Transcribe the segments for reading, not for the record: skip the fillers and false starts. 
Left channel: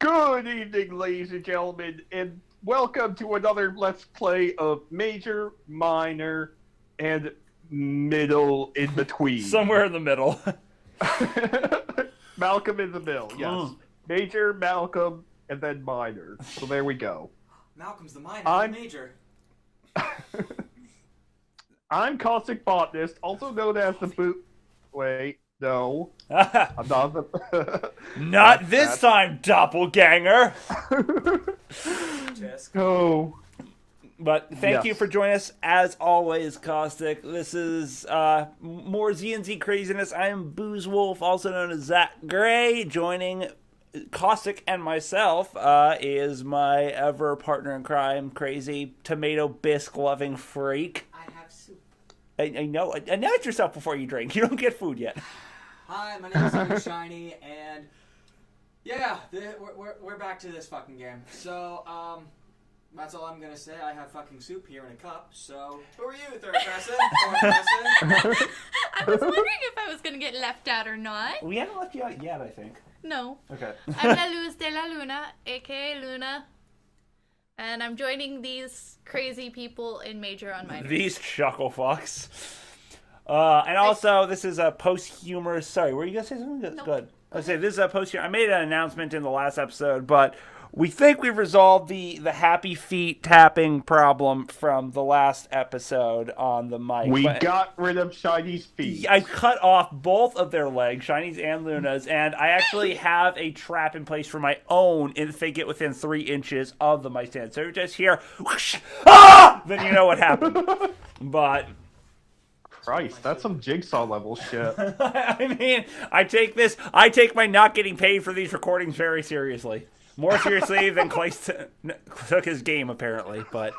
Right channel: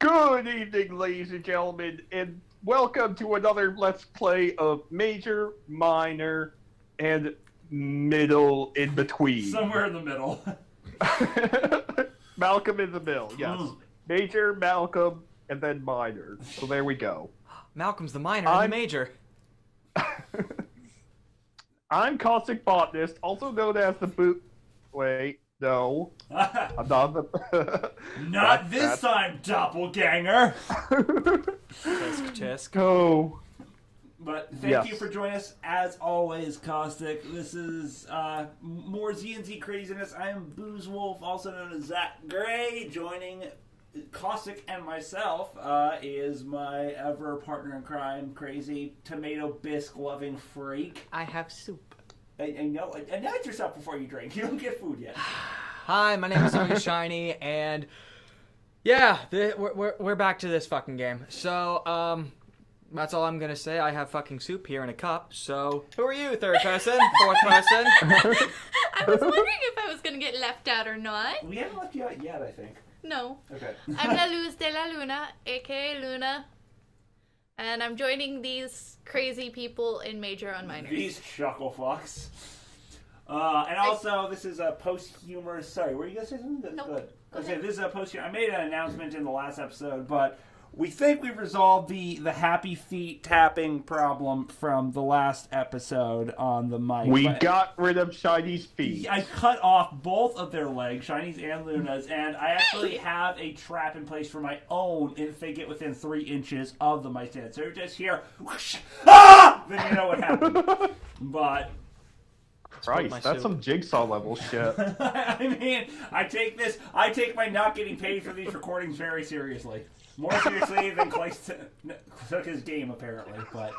Good evening, ladies and gentlemen, and welcome to another Let's Play of Major, Minor, and Middle in Between. Somewhere in the middle. Malcolm in the middle, yes. Major, Malcolm, and then Minor. So there we go. Malcolm's the minor and the major. I'm Caustic Botanist, also known as the boot... Wait, no. I'm not the... Not this time, doppelganger! Tisk. Oh. But thank you Yes. for joining us, as always, Caustic. This is more ZandZ craziness. I am Booze Wolf, also known as Zach Gray. Joining Caustic and myself is my ever partner in crime, crazy tomato bisque loving freak. I have soup. I know. Announce yourself before you drink. You don't get food yet. Hi, my name is Super Shiny, and yeah, we're back to this fucking game. So, that's all I'm gonna say. I have fucking soup here in a cup. So, who are you, third person, fourth person? I was wondering if I was gonna get left out or not. We haven't left you out yet, I think. No. Okay. I'm La Luz de la Luna, aka Luna. And I'm joining these crazy people in Major on Minors. These chuckle fucks. And also, this is a post-humorous... Sorry, were you going to say something? That's Nope. good. I say this is a post. I made an announcement in the last episode, but we think we've resolved the happy feet tapping problem from the last episode on the mic. We But got rid of Shiny's feet. I cut off both of their legs, Shiny's and Luna's, and I actually have a trap in place for my own if they get within 3 inches of the mic stand. So you just hear, whoosh, ah! Then you know what happened. But... Christ, that's some jigsaw level shit. I mean, I take my not getting paid for these recordings very seriously. More seriously than Clay took his game, apparently. But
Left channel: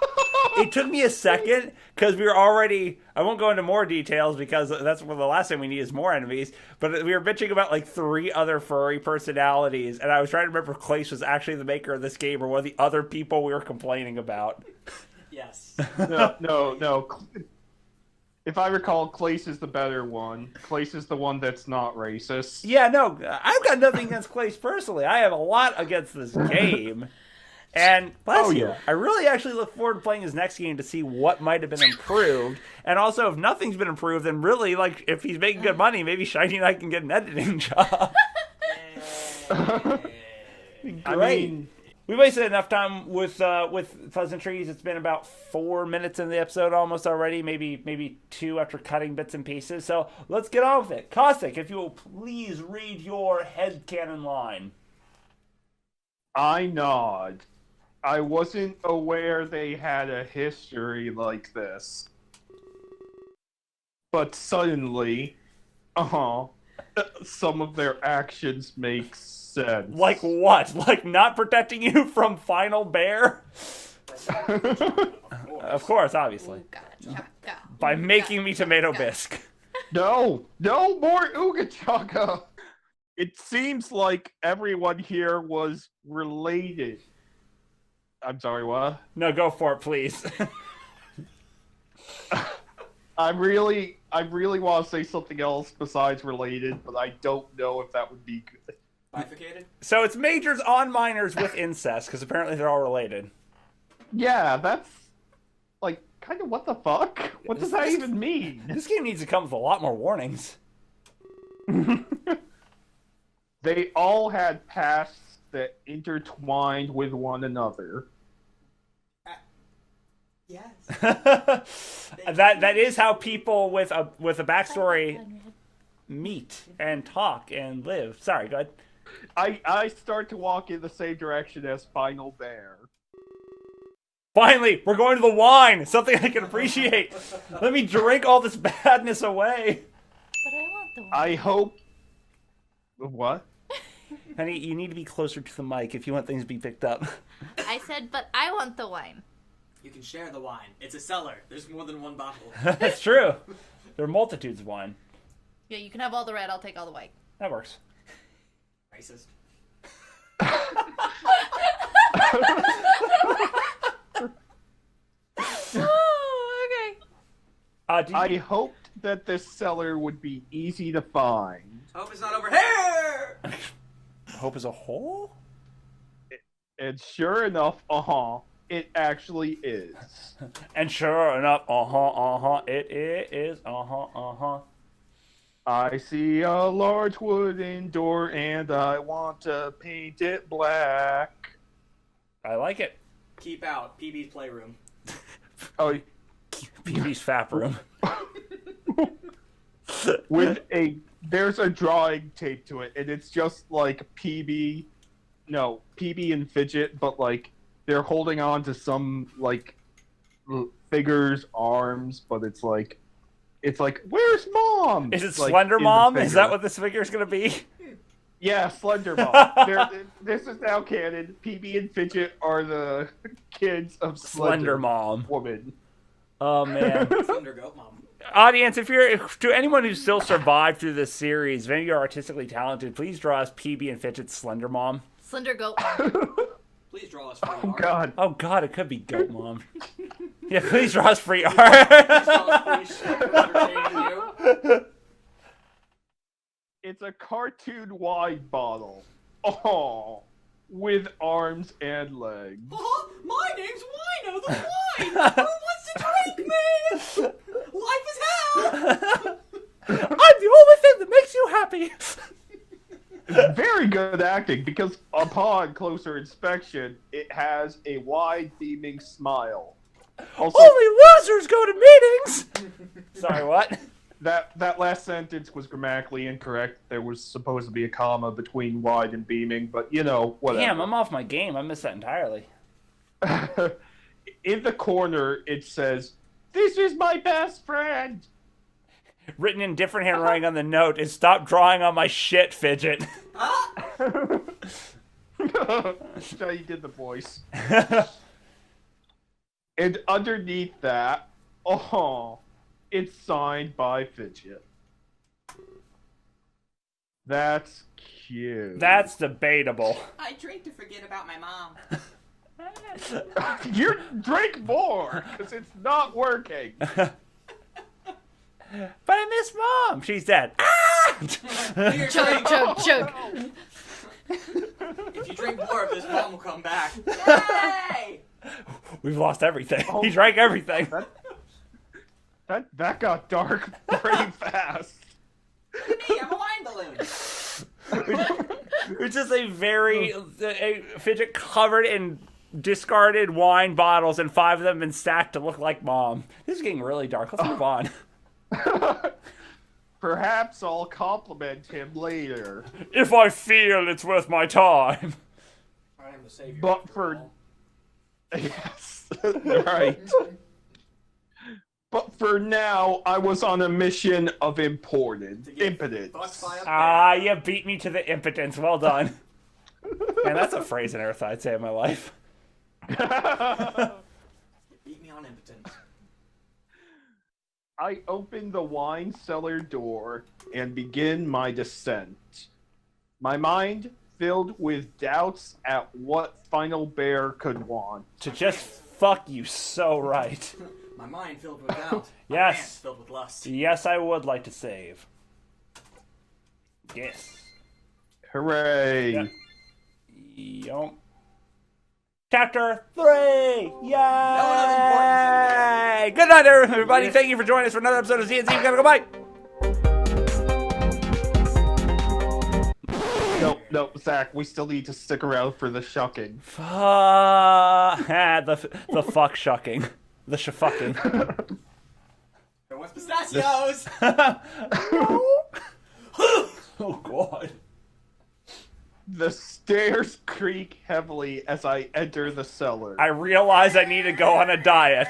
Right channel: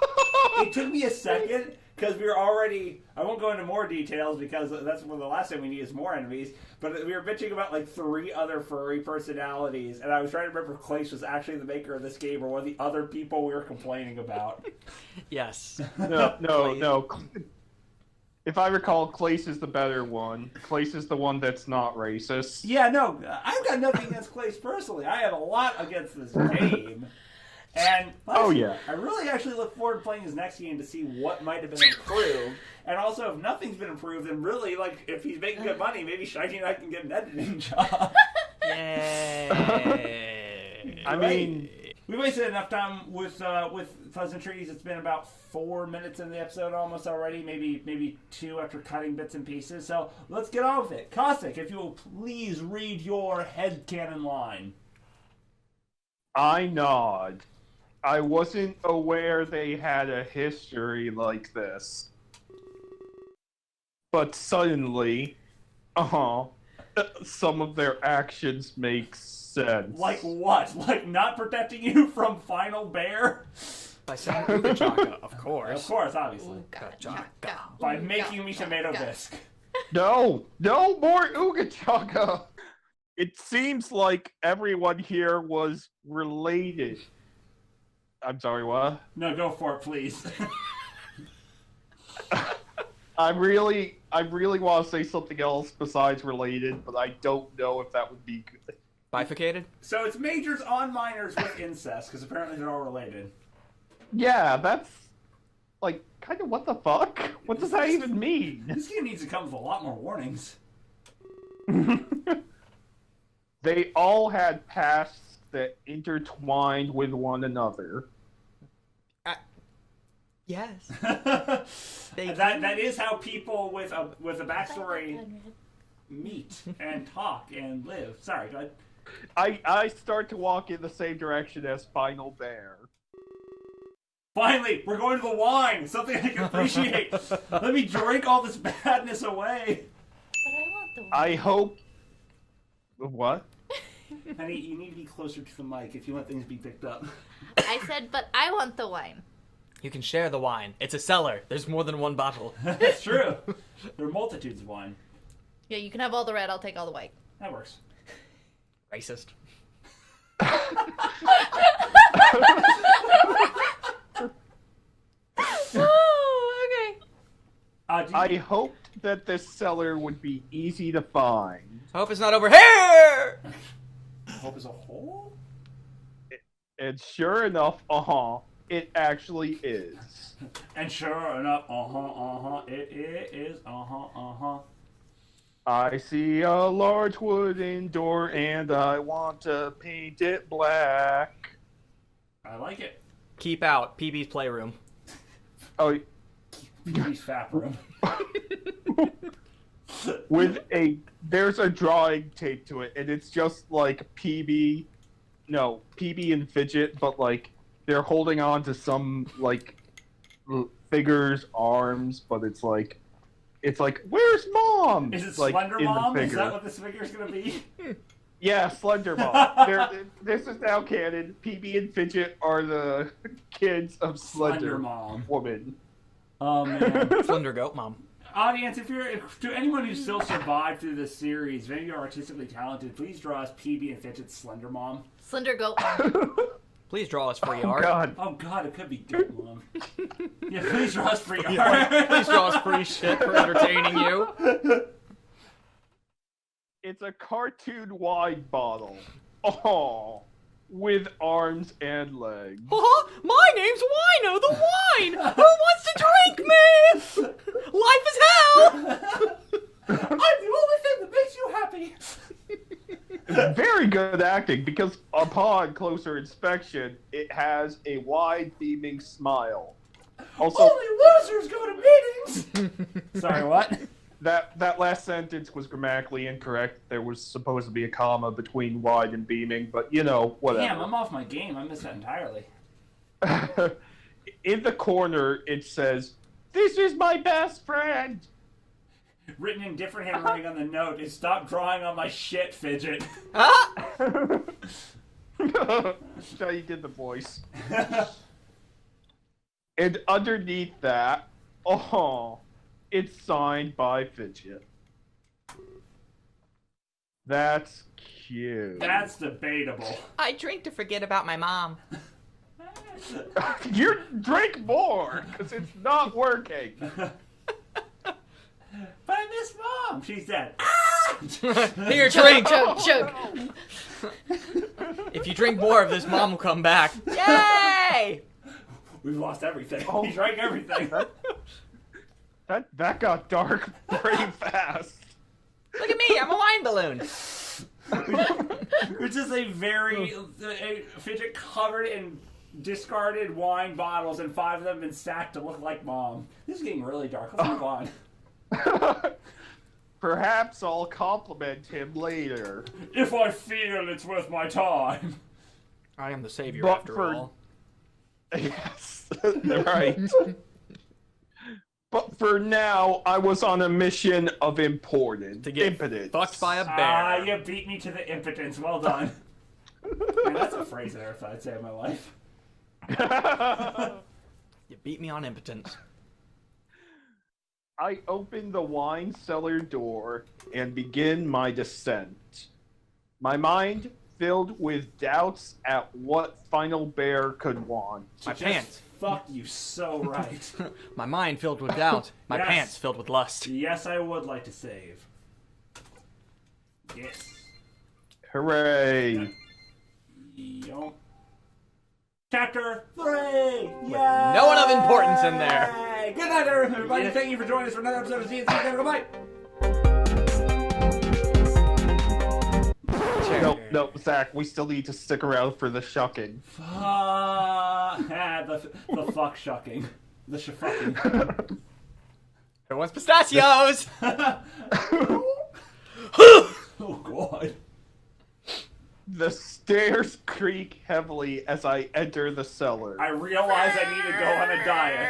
it took me a second, because we were already... I won't go into more details, because that's what the last thing we need is more enemies. But we were bitching about, like, 3 other furry personalities, and I was trying to remember if Clace was actually the maker of this game, or one of the other people we were complaining about. Yes. No. If I recall, Clace is the better one. Clace is the one that's not racist. Yeah, no, I've got nothing against Clace personally. I have a lot against this game. And plus, I really actually look forward to playing his next game to see what might have been improved. And also, if nothing's been improved, then really, like, if he's making good money, maybe Shiny and I can get an editing job. I mean... We wasted enough time with Pleasantries. It's been about 4 minutes in the episode almost already, maybe 2 after cutting bits and pieces. So let's get on with it. Caustic, if you will please read your headcanon line. I nod. I wasn't aware they had a history like this. But suddenly, some of their actions make sense. Like what? Like not protecting you from Final Bear? By saying Uga Chaka, of course. Of course, obviously. By making me tomato bisque. No, more Ooga Chaka. It seems like everyone here was related. I'm sorry, what? No, go for it, please. I really want to say something else besides related, but I don't know if that would be good. Bifurcated? So it's majors on minors with incest, because apparently they're all related. Yeah, that's, like, kind of what the fuck? What does that even mean? This game needs to come with a lot more warnings. They all had pasts that intertwined with one another. Yes. that is how people with a backstory meet and talk and live. Sorry, go ahead. I start to walk in the same direction as Final Bear. Finally, we're going to the wine. Something I can appreciate. Let me drink all this badness away. But I want the wine. I hope... What? Honey, you need to be closer to the mic if you want things to be picked up. I said, but I want the wine. You can share the wine. It's a cellar. There's more than one bottle. That's true. There are multitudes of wine. Yeah, you can have all the red, I'll take all the white. That works. Racist. Oh, okay. I hoped that this cellar would be easy to find. I hope it's not over here! Hope is a hole? And sure enough, it actually is. And sure enough, it is, I see a large wooden door and I want to paint it black. I like it. Keep out. PB's playroom. Oh, PB's fap room. there's a drawing taped to it, and it's just like PB and Fidget, but like they're holding on to some like figure's arms, but it's like, where's Mom? Is it like, Slender in the Mom? Is figure. that what this figure's gonna be? Yeah, Slender Mom. This is now canon. PB and Fidget are the kids of Slender Mom. Woman. Oh man. Slender Goat Mom. Audience, to anyone who's still survived through this series, if any of you are artistically talented, please draw us PB and Fidget's Slender Mom. Slender Goat Mom. Please draw us free art. God. Oh god, it could be Goat Mom. Yeah, please draw us free art. Please draw us free shit for entertaining you. It's a cartoon wine bottle. Oh, with arms and legs. My name's Wino the Wine! Who wants to drink me? Life is hell! I'm the only thing that makes you happy. Very good acting, because upon closer inspection, it has a wide, beaming smile. Also, Only losers go to meetings! Sorry, what? that last sentence was grammatically incorrect. There was supposed to be a comma between wide and beaming, but whatever. Damn, I'm off my game. I missed that entirely. In the corner, it says, "This is my best friend." Written in different handwriting on the note is "Stop drawing on my shit, Fidget." So you did the voice. And underneath that, it's signed by Fidget. That's cute. That's debatable. I drink to forget about my mom. You drink more, because it's not working. But I miss Mom. She's dead. Here, Chug, drink. chug, chug. If you drink more of this, Mom will come back. Yay! We've lost everything. Oh. He drank everything. That got dark pretty fast. Look at me, I'm a wine balloon. Which is a Fidget covered in discarded wine bottles, and 5 of them been stacked to look like Mom. This is getting really dark. Let's move on. Perhaps I'll compliment him later. If I feel it's worth my time. I am the savior But after for- all. Yes, right. But for now, I was on a mission of impotence. To get fucked by a bear. Ah, you beat me to the impotence. Well done. Man, that's a phrase I never thought I'd say in my life. You beat me on impotence. I open the wine cellar door and begin my descent. My mind filled with doubts at what Final Bear could want. To My just pants. fuck you so right. My mind filled with doubt. My Yes. pants filled with lust. Yes, I would like to save. Yes. Hooray! Yum. Chapter 3! Yeah! No one of importance in there. Good night, everybody. Thank you for joining us for another episode of ZandZ. Gotta go, bye! No, Zach, we still need to stick around for the shucking. The fuck shucking. The shafucking. Who wants pistachios? Oh, God. The stairs creak heavily as I enter the cellar. I realize I need to go on a diet.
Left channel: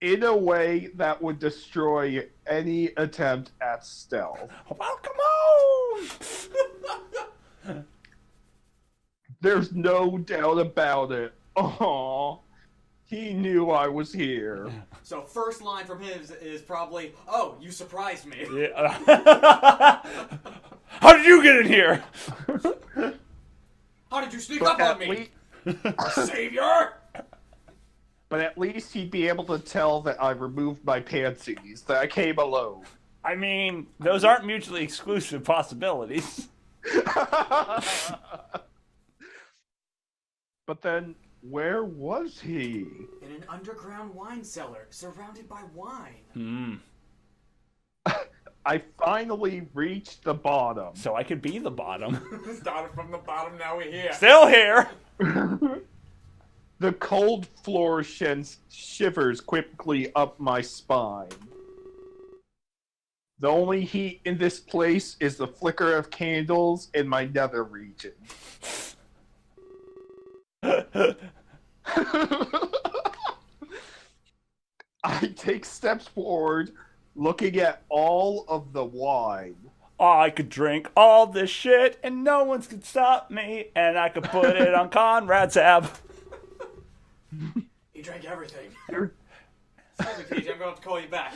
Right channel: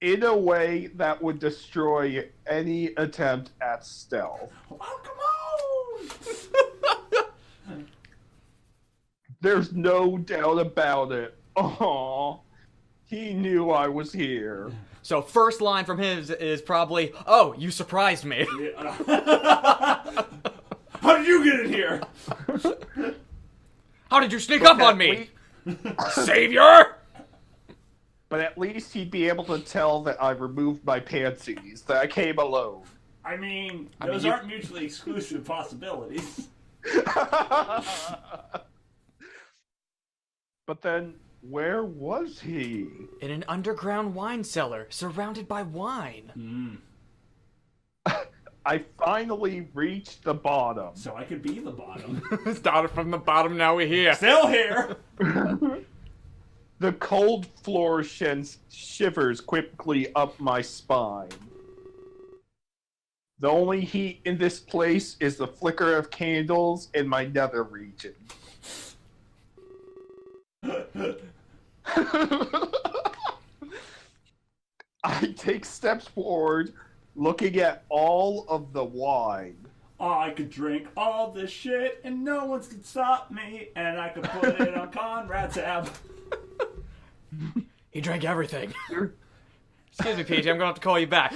In a way that would destroy any attempt at stealth. Welcome home! There's no doubt about it. Oh, he knew I was here. So first line from his is probably, "Oh, you surprised me." How did you get in here? How did you sneak up on me? Savior! But at least he'd be able to tell that I removed my pantsies, that I came alone. I mean, those aren't mutually exclusive possibilities. But then, where was he? In an underground wine cellar, surrounded by wine. I finally reached the bottom. So I could be the bottom. Started from the bottom, now we're here. Still here. The cold floor sends shivers quickly up my spine. The only heat in this place is the flicker of candles in my nether region. I take steps forward, looking at all of the wine. I could drink all this shit and no one could stop me, and I could put it on Conrad's tab. He drank everything. Excuse me, PJ, I'm gonna have to call you back.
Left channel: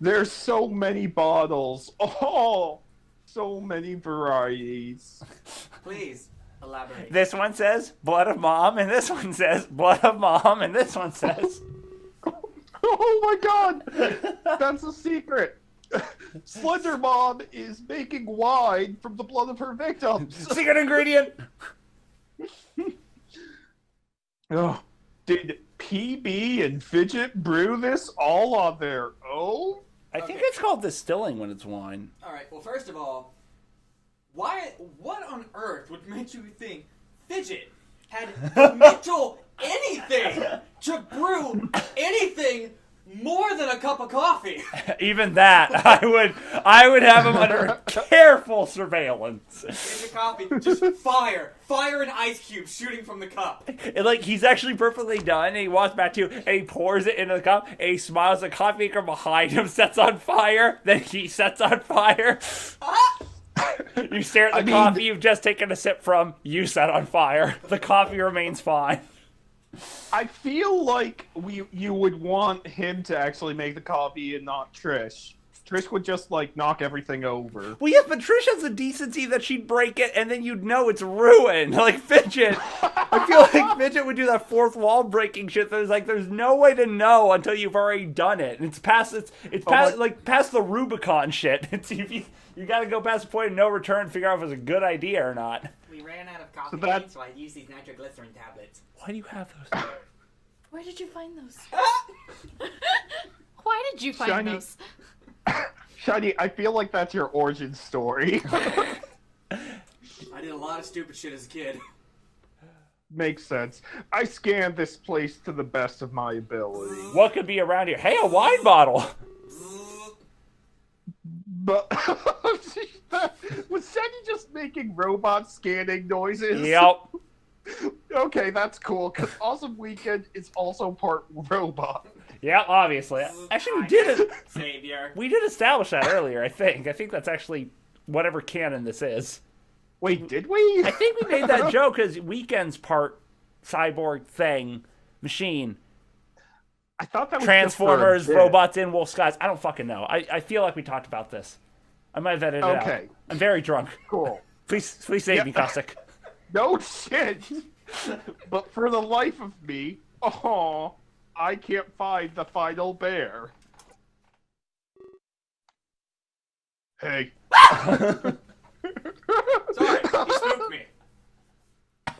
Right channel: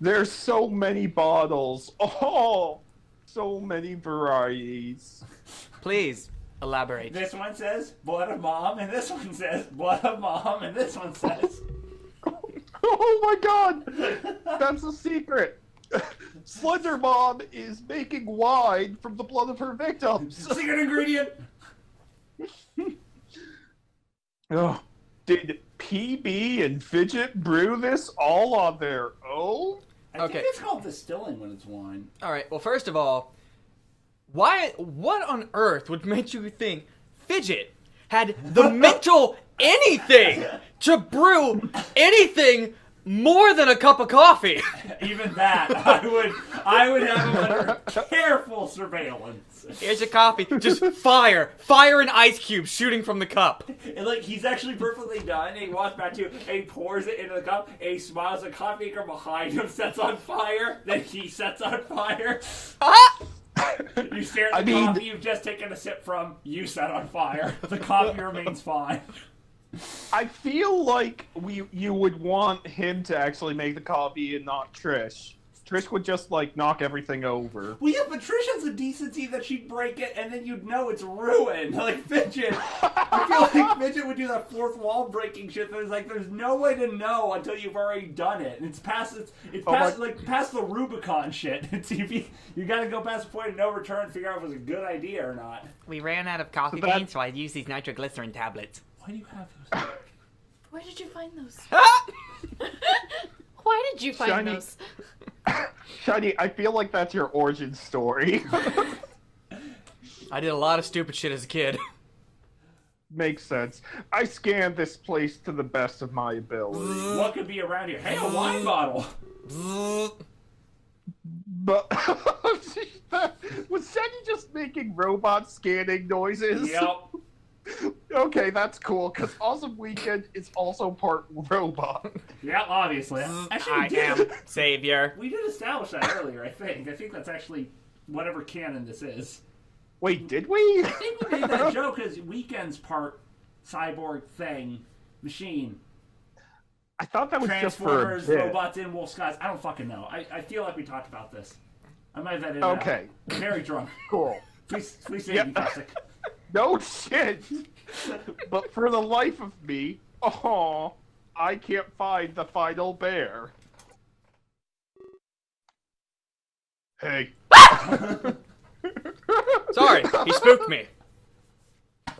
There's so many bottles. Oh, so many varieties. Please, elaborate. This one says blood of mom, and this one says blood of mom, and this one says... Oh my god! That's a secret! Slender Mom is making wine from the blood of her victims. Secret ingredient! Oh, did PB and Fidget brew this all on their own? I think it's called distilling when it's wine. Alright, well, first of all, what on earth would make you think Fidget had the mental anything to brew anything more than a cup of coffee? Even that, I would have him under careful surveillance. Here's your coffee. Just fire and ice cubes shooting from the cup. And like, he's actually perfectly done, and he walks back to you, and he pours it into the cup, and he smiles, the coffee maker behind him sets on fire, then he sets on fire. You stare at the coffee you've just taken a sip from, you set on fire. The coffee remains fine. I feel like you would want him to actually make the coffee and not Trish. Trish would just, like, knock everything over. Well, yeah, but Trish has the decency that she'd break it, and then you'd know it's ruined. Like, Fidget. I feel like Fidget would do that fourth wall breaking shit. There's no way to know until you've already done it. And it's past the Rubicon shit. You gotta go past the point of no return and figure out if it's a good idea or not. We ran out of coffee beans, so I used these nitroglycerin tablets. Why do you have those? Where did you find those? Why did you find those? Shiny, I feel like that's your origin story. I did a lot of stupid shit as a kid. Makes sense. I scanned this place to the best of my ability. What could be around here? Hey, a wine bottle! But was Shaggy just making robot scanning noises? Yep. Okay, that's cool, because Awesome Weekend is also part robot. Yeah, obviously. Actually, Savior. We did establish that earlier, I think. I think that's actually whatever canon this is. Wait, did we? I think we made that joke as Weekend's part cyborg thing, machine. I thought that was Transformers, just for a bit. robots in wolf skies. I don't fucking know. I feel like we talked about this. I might have edited it out. Okay. I'm very drunk. Cool. Please save me, Caustic. No shit! But for the life of me, I can't find the final bear. Hey. Sorry, he spooked me.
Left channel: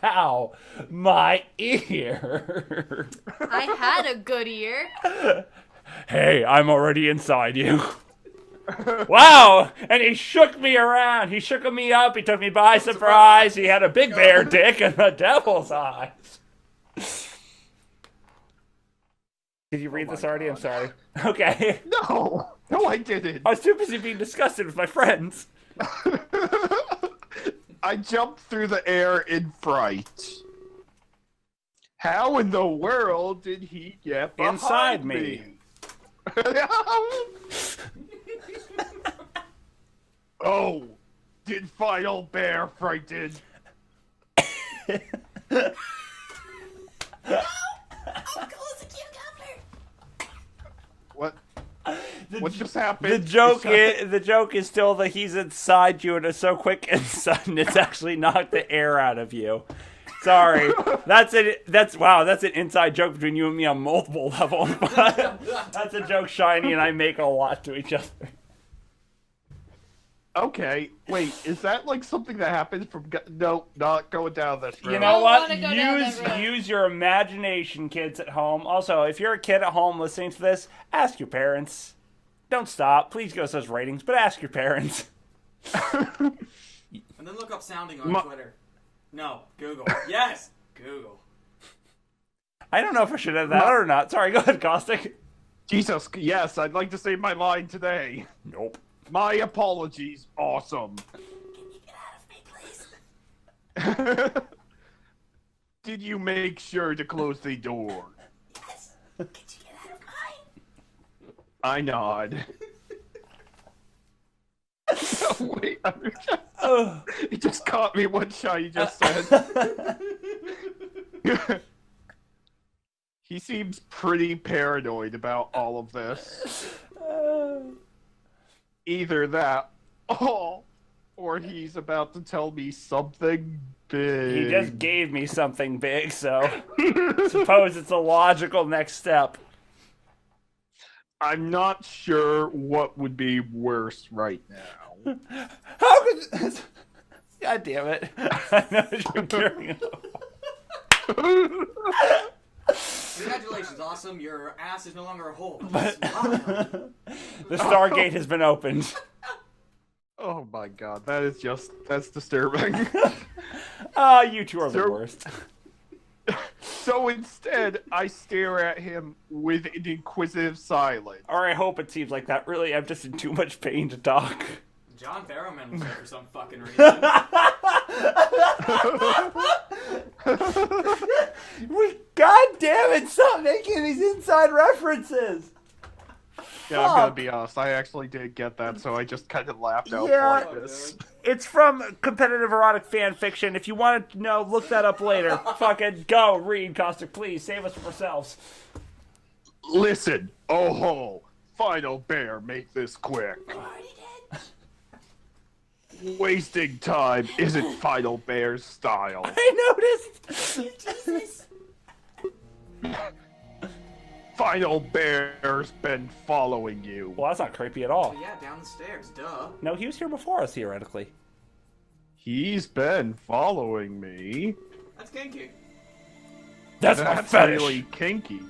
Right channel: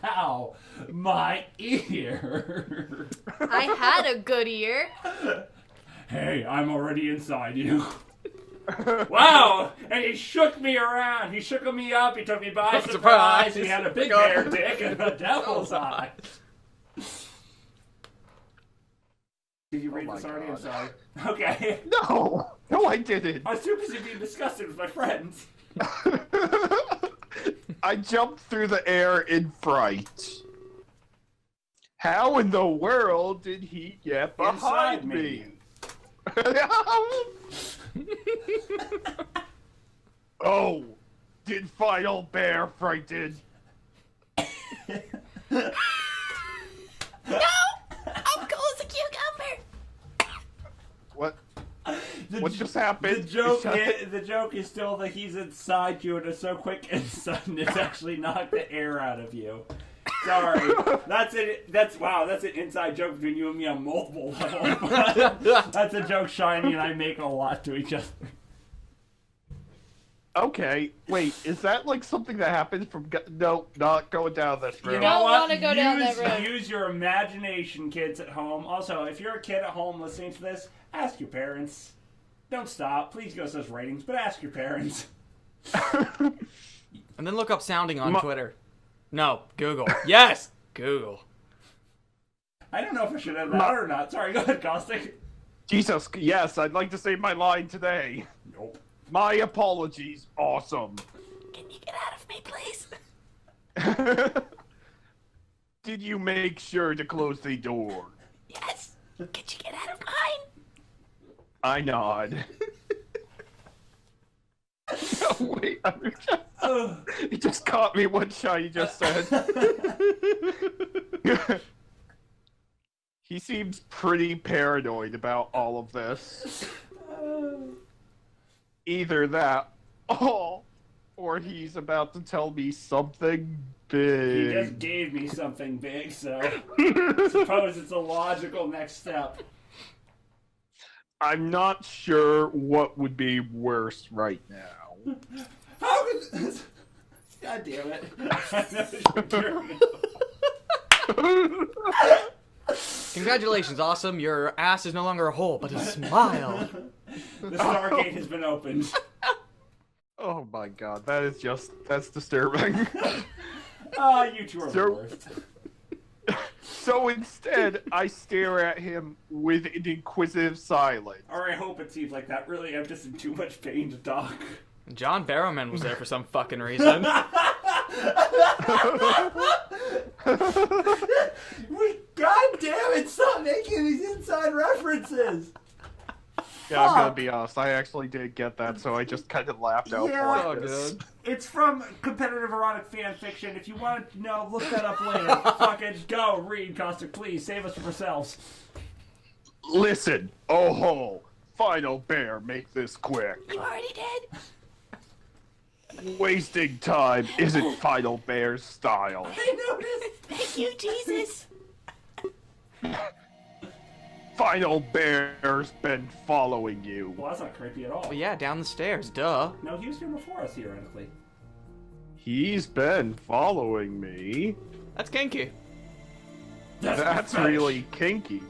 Ow, my ear. I had a good ear. Hey, I'm already inside you. Wow! And he shook me around. He shook me up. He took me by surprise. He had a big bear dick and a devil's eye. Did you read this already? God. I'm sorry. Okay. No, I didn't. I was too busy being disgusted with my friends. I jumped through the air in fright. How in the world did he get behind Inside me. Oh, did Final Bear frighten? No! I'm cool as a cucumber! What? What just happened? The joke is still that he's inside you and it's so quick and sudden it's actually knocked the air out of you. Sorry. That's an inside joke between you and me on multiple levels. That's a joke Shiny and I make a lot to each other. Okay, wait, is that like something that happens from... No, not going down this road. You don't want to go down that road. Use your imagination, kids at home. Also, if you're a kid at home listening to this, ask your parents. Don't stop. Please give us those ratings, but ask your parents. And then look up sounding on Twitter. No, Google. Yes, Google. I don't know if I should have that or not. Sorry, go ahead, Caustic. Jesus, yes, I'd like to say my line today. Nope. My apologies, awesome. Can you get out of me, please? Did you make sure to close the door? Yes. Could you get out of mine? I nod. No, wait. It just caught me what Shiny just said. He seems pretty paranoid about all of this. Either that, or he's about to tell me something big. He just gave me something big, so suppose it's a logical next step. I'm not sure what would be worse right now. How could... God damn it. I know what you're carrying on. Congratulations, awesome. Your ass is no longer a hole, but a smile. The Stargate has been opened. Oh my god, that's disturbing. You two are the worst. So instead, I stare at him with an inquisitive silence. Or I hope it seems like that. Really, I'm just in too much pain to talk. John Barrowman was there for some fucking reason. God damn it, stop making these inside references! Yeah, I'm gonna be honest, I actually did get that, so I just kind of laughed out like this. It's from competitive erotic fan fiction. If you want to know, look that up later. Fucking go read, Caustic, please. Save us from ourselves. Listen, oh ho, Final Bear, make this quick. You already did. Wasting time isn't Final Bear's style. I noticed! You Jesus. Final Bear's been following you. Well, that's not creepy at all. But yeah, down the stairs, duh. No, he was here before us, theoretically. He's been following me. That's kinky. That's really kinky.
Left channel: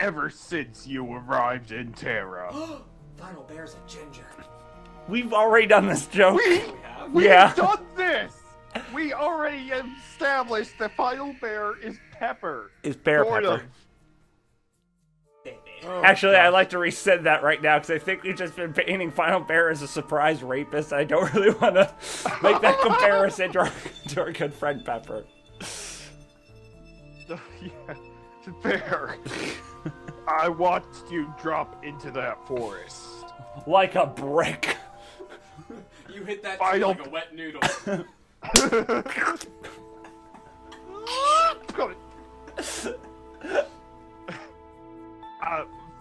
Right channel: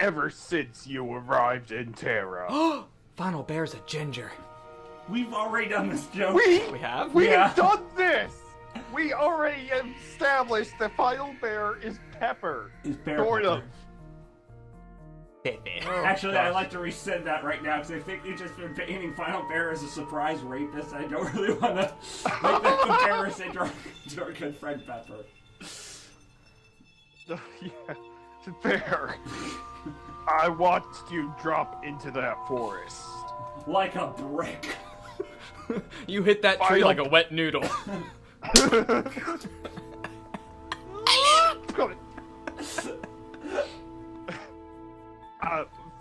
Ever since you arrived in Terra. Final Bear's a ginger. We've already done this joke. We have? We've Yeah. done this! We already established that Final Bear is Pepper. Is Bear Sort Pepper. of. Oh, Actually, gosh. I'd like to resend that right now because I think we've just been painting Final Bear as a surprise rapist. I don't really want to make that comparison to our good friend Pepper. Yeah, Bear. I watched you drop into that forest. Like a brick. You hit that tree Final- like a wet noodle.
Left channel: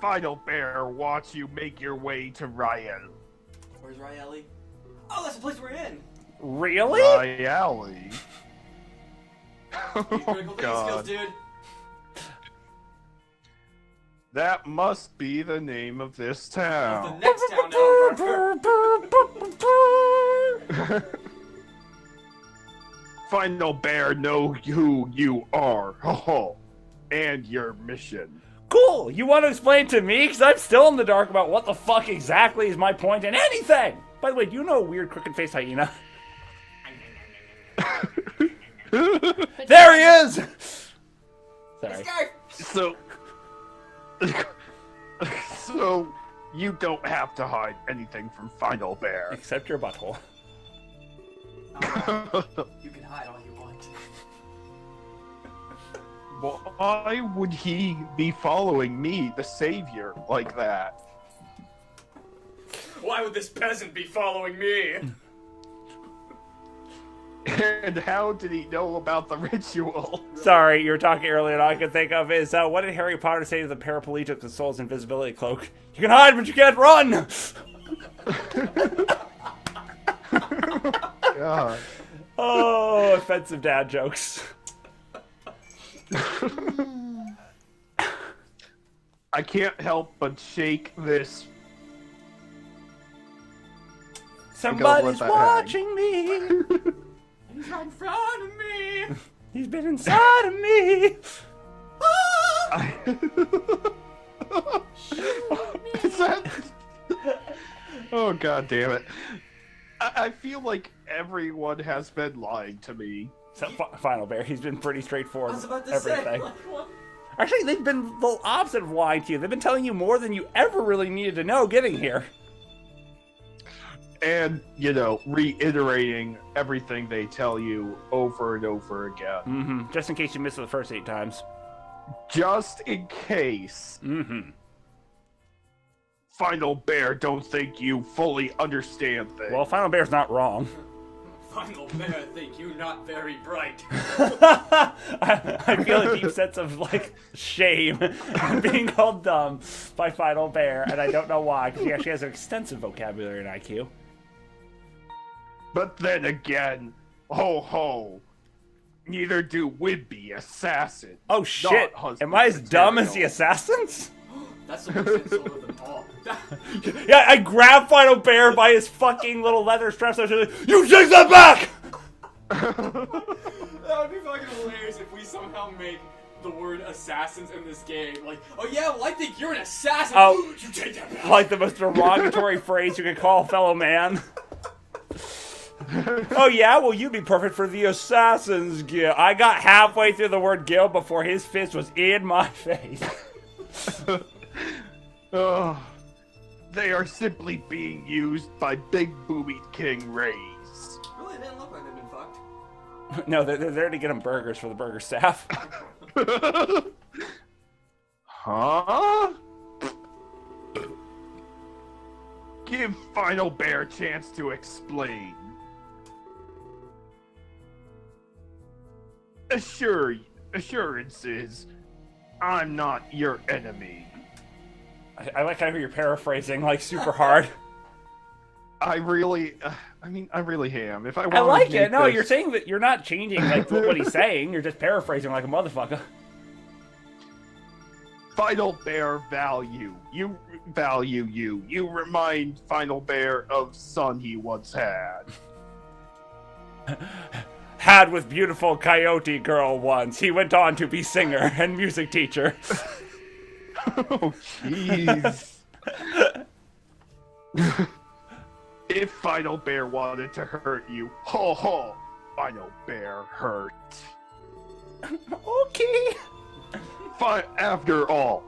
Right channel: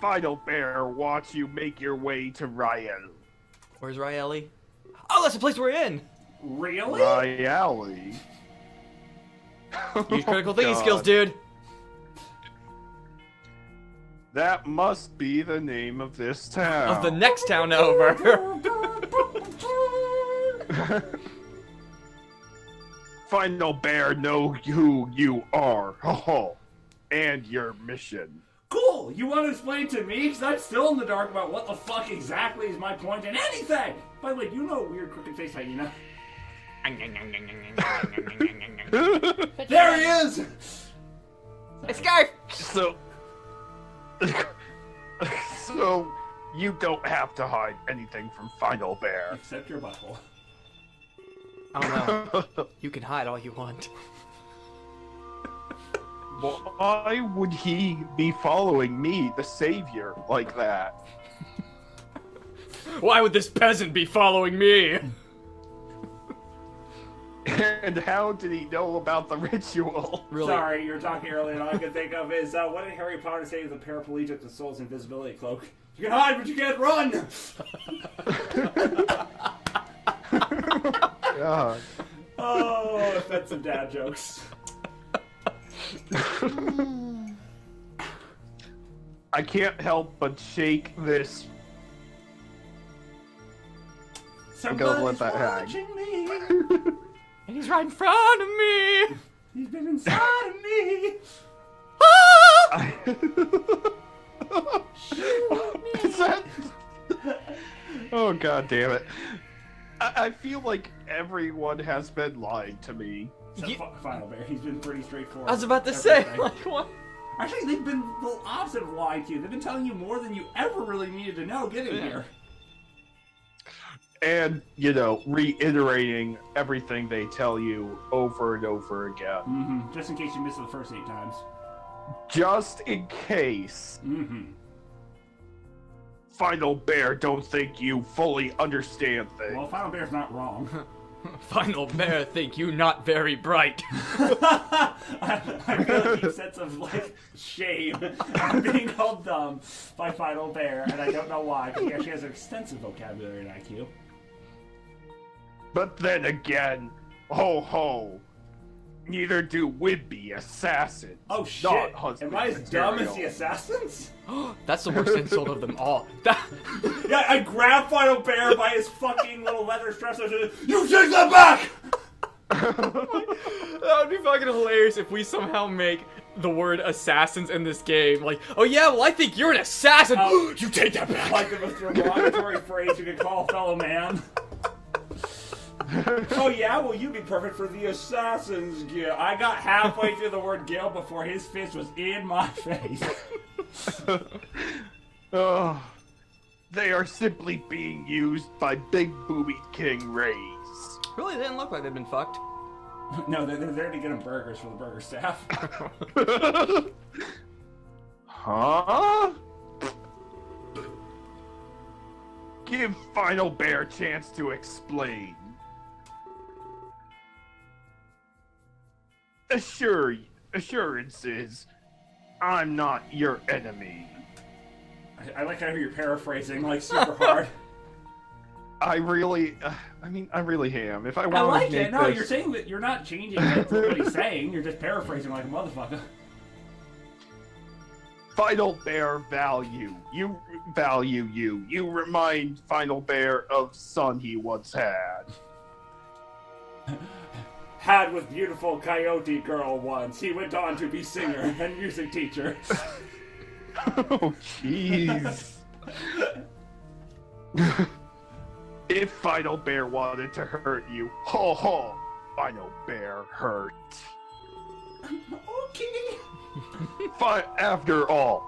Final Bear, watch you make your way to Ryan. Where's Riley? Oh, that's the place we're in. Really? Riley? Use critical thinking God. skills, dude. That must be the name of this town. Of the next town over. Final Bear, know who you are. Ho and your mission. Cool. You want to explain to me? Because I'm still in the dark about what the fuck exactly is my point in anything. By the way, do you know a weird crooked face hyena? There he is! It's Scarf. So you don't have to hide anything from Final Bear. Except your butthole. Oh, well. You can hide all you want. Why would he be following me, the savior, like that? Why would this peasant be following me? And how did he know about the ritual? Really? Sorry, you were talking earlier, and all I could think of is, what did Harry Potter say to the paraplegic that stole his invisibility cloak? You can hide, but you can't run! God. Oh, offensive dad I can't help but shake this. I'm gonna let Somebody's that watching me. And he's right in front of me. He's been inside of me. Is that... Oh, god damn it. I feel like everyone has been lying to me. So, Final Bear, he's been pretty straightforward. I was about to Everything. say, like, what? Actually, they've been the opposite of lying to you. They've been telling you more than you ever really needed to know getting here. And, you know, reiterating everything they tell you over and over again. Mm-hmm. Just in case you missed it the first 8 times. Just in case Mm-hmm. Final Bear don't think you fully understand things. Well, Final Bear's not wrong. Final Bear think you not very bright. I feel a deep sense of, like, shame being called dumb by Final Bear, and I don't know why, because he actually has an extensive vocabulary in IQ. But then again, ho ho, neither do Whidbey Assassin. Oh shit! Am I as dumb as the assassins? That's the worst insult of them all. Yeah, I grabbed Final Bear by his fucking little leather straps. I was like, you take that back! That would be fucking hilarious if we somehow make the word assassins in this game. Like, oh yeah, well I think you're an assassin. Oh, you take that back. Like the most derogatory phrase you could call a fellow man. Oh yeah, well you'd be perfect for the Assassin's Guild. I got halfway through the word guild before his fist was in my face. Oh, they are simply being used by Big Booby King Rays. Really, they didn't look like they've been fucked. No, they're there to get him burgers for the burger staff. Huh? Give Final Bear a chance to explain. Assurances, I'm not your enemy. I like how you're paraphrasing like super hard. I really am. If I I wanted like to make it. No, this... you're saying that you're not changing like, what he's saying. You're just paraphrasing like a motherfucker. Final Bear value. You value you. You remind Final Bear of son he once had. Had with beautiful coyote girl once. He went on to be singer and music teacher. Oh, jeez. If Final Bear wanted to hurt you, ho ho, Final Bear hurt. Okay. After all,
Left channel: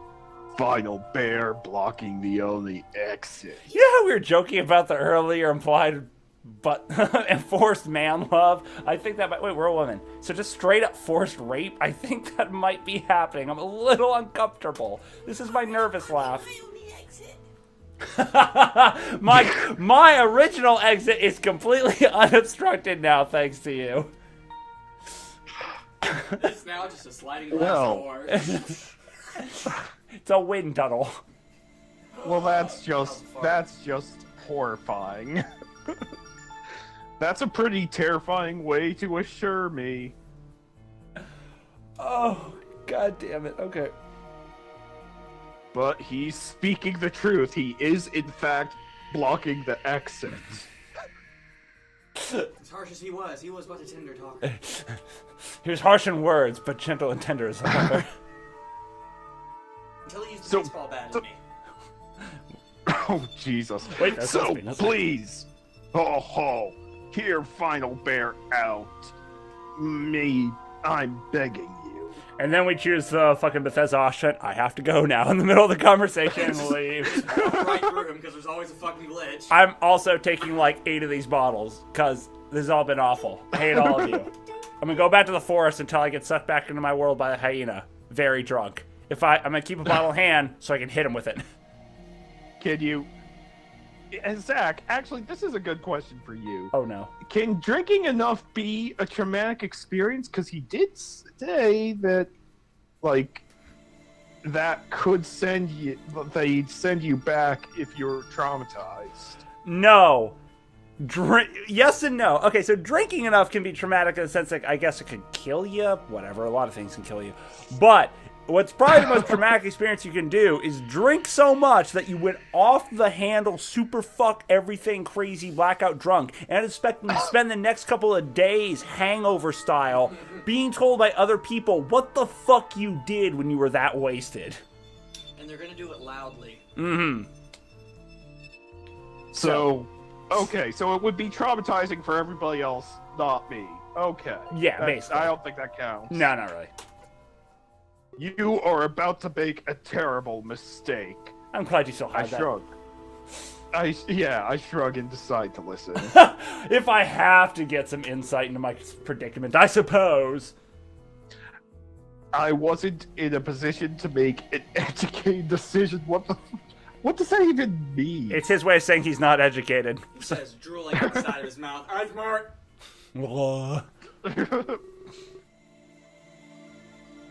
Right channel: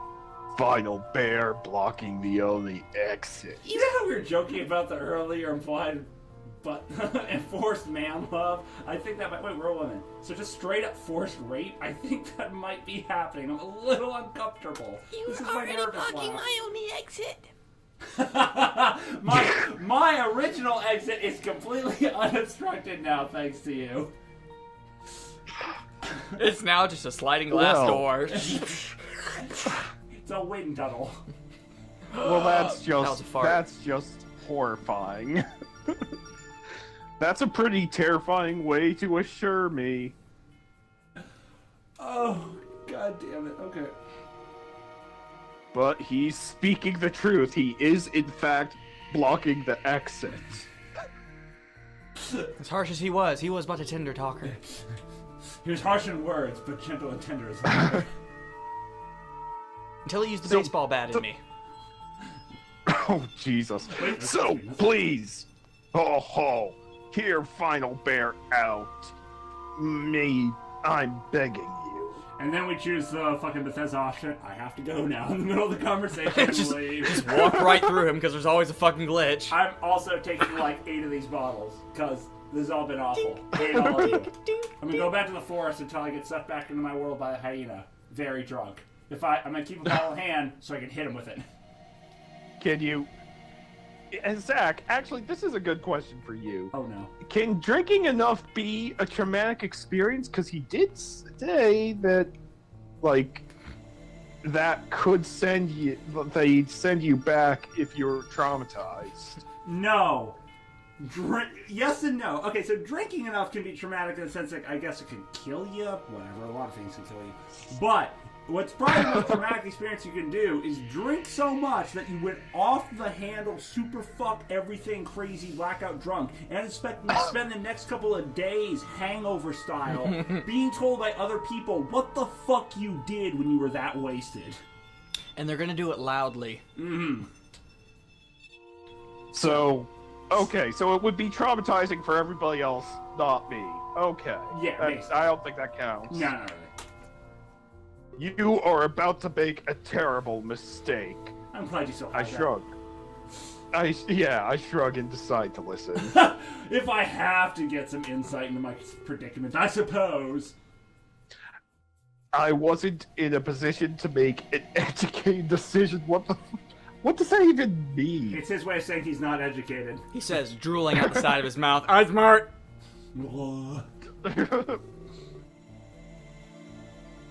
Final Bear blocking the only exit. You know how we were joking about the earlier implied but enforced man love? I think that might... Wait, we're a woman. So just straight up forced rape? I think that might be happening. I'm a little uncomfortable. This is my nervous laugh. My only exit. my original exit is completely unobstructed now, thanks to you. It's now just a sliding glass door. It's a wind tunnel. Well, that's was a fart. just horrifying. That's a pretty terrifying way to assure me. Oh, god damn it. Okay. But he's speaking the truth. He is, in fact, blocking the exit. As harsh as he was but a tender talker. He was harsh in words, but gentle and tender as hell. Until he used the So- baseball bat so- at me. Oh, Jesus. Wait, that's So, me, that's please, ho ho, hear Final Bear out. Me, I'm begging you. And then we choose the fucking Bethesda. Oh shit, I have to go now in the middle of the conversation. Leave. Walk right through him because there's always a fucking glitch. I'm also taking like 8 of these bottles because this has all been awful. Hate all of you. I'm gonna go back to the forest until I get sucked back into my world by a hyena, very drunk. I'm gonna keep a bottle in hand so I can hit him with it. Can you... And Zach, actually, this is a good question for you. Oh no. Can drinking enough be a traumatic experience? Because he did say that, like, that could send you... They'd send you back if you're traumatized. No. Yes and no. Okay, so drinking enough can be traumatic in the sense that I guess it can kill you. Whatever, a lot of things can kill you. But what's probably the most traumatic experience you can do is drink so much that you went off the handle, super fuck everything crazy, blackout drunk, and expect to spend the next couple of days hangover style being told by other people what the fuck you did when you were that wasted. And they're gonna do it loudly. Mm-hmm. So, okay, so it would be traumatizing for everybody else, not me. Okay. Yeah, basically. I don't think that counts. No, not really. You are about to make a terrible mistake. I'm glad you still I have that. shrug. I shrug and decide to listen. If I have to get some insight into my predicament, I suppose. I wasn't in a position to make an educated decision. What does that even mean? It's his way of saying he's not educated. He says, drooling at the side of his mouth. I'm smart.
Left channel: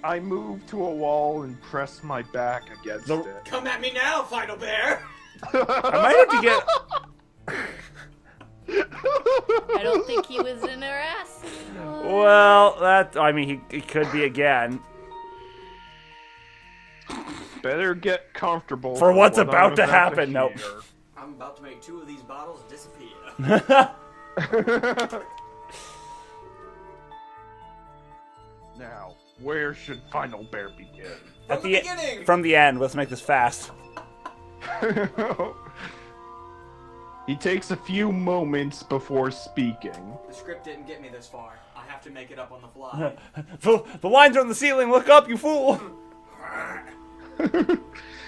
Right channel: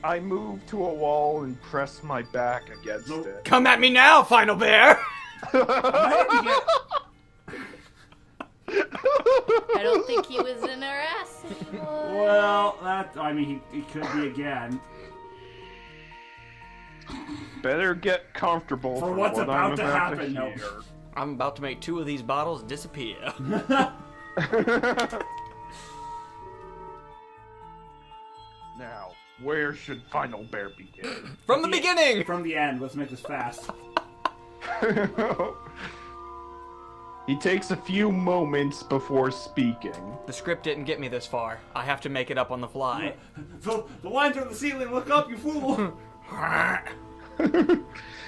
I move to a wall and press my back against it. Come at me now, Final Bear. I don't think he was in her ass. Well, he could be again. Better get comfortable For what's what about I'm to happen. hear. Nope. I'm about to make 2 of these bottles disappear. Now, where should Final Bear begin? From the beginning! From the end. Let's make this fast. He takes a few moments before speaking. The script didn't get me this far. I have to make it up on the fly. The lines are on the ceiling. Look up, you fool.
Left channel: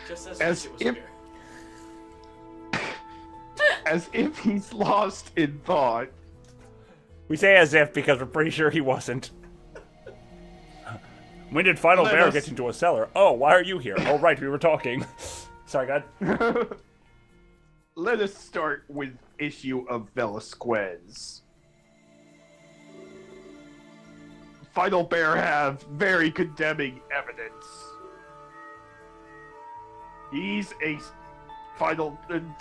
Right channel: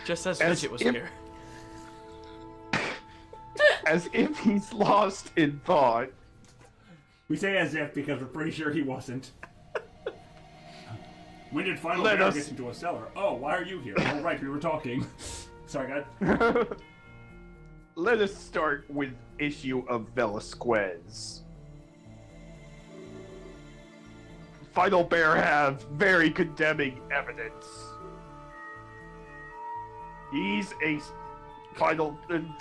Just as As Fidget was if- here. As if he's lost in thought. We say as if because we're pretty sure he wasn't. When did Final Let Bear us- get into a cellar? Oh, why are you here? Oh, right, we were talking. Sorry, God. Let us start with issue of Velasquez. Final Bear have very condemning evidence.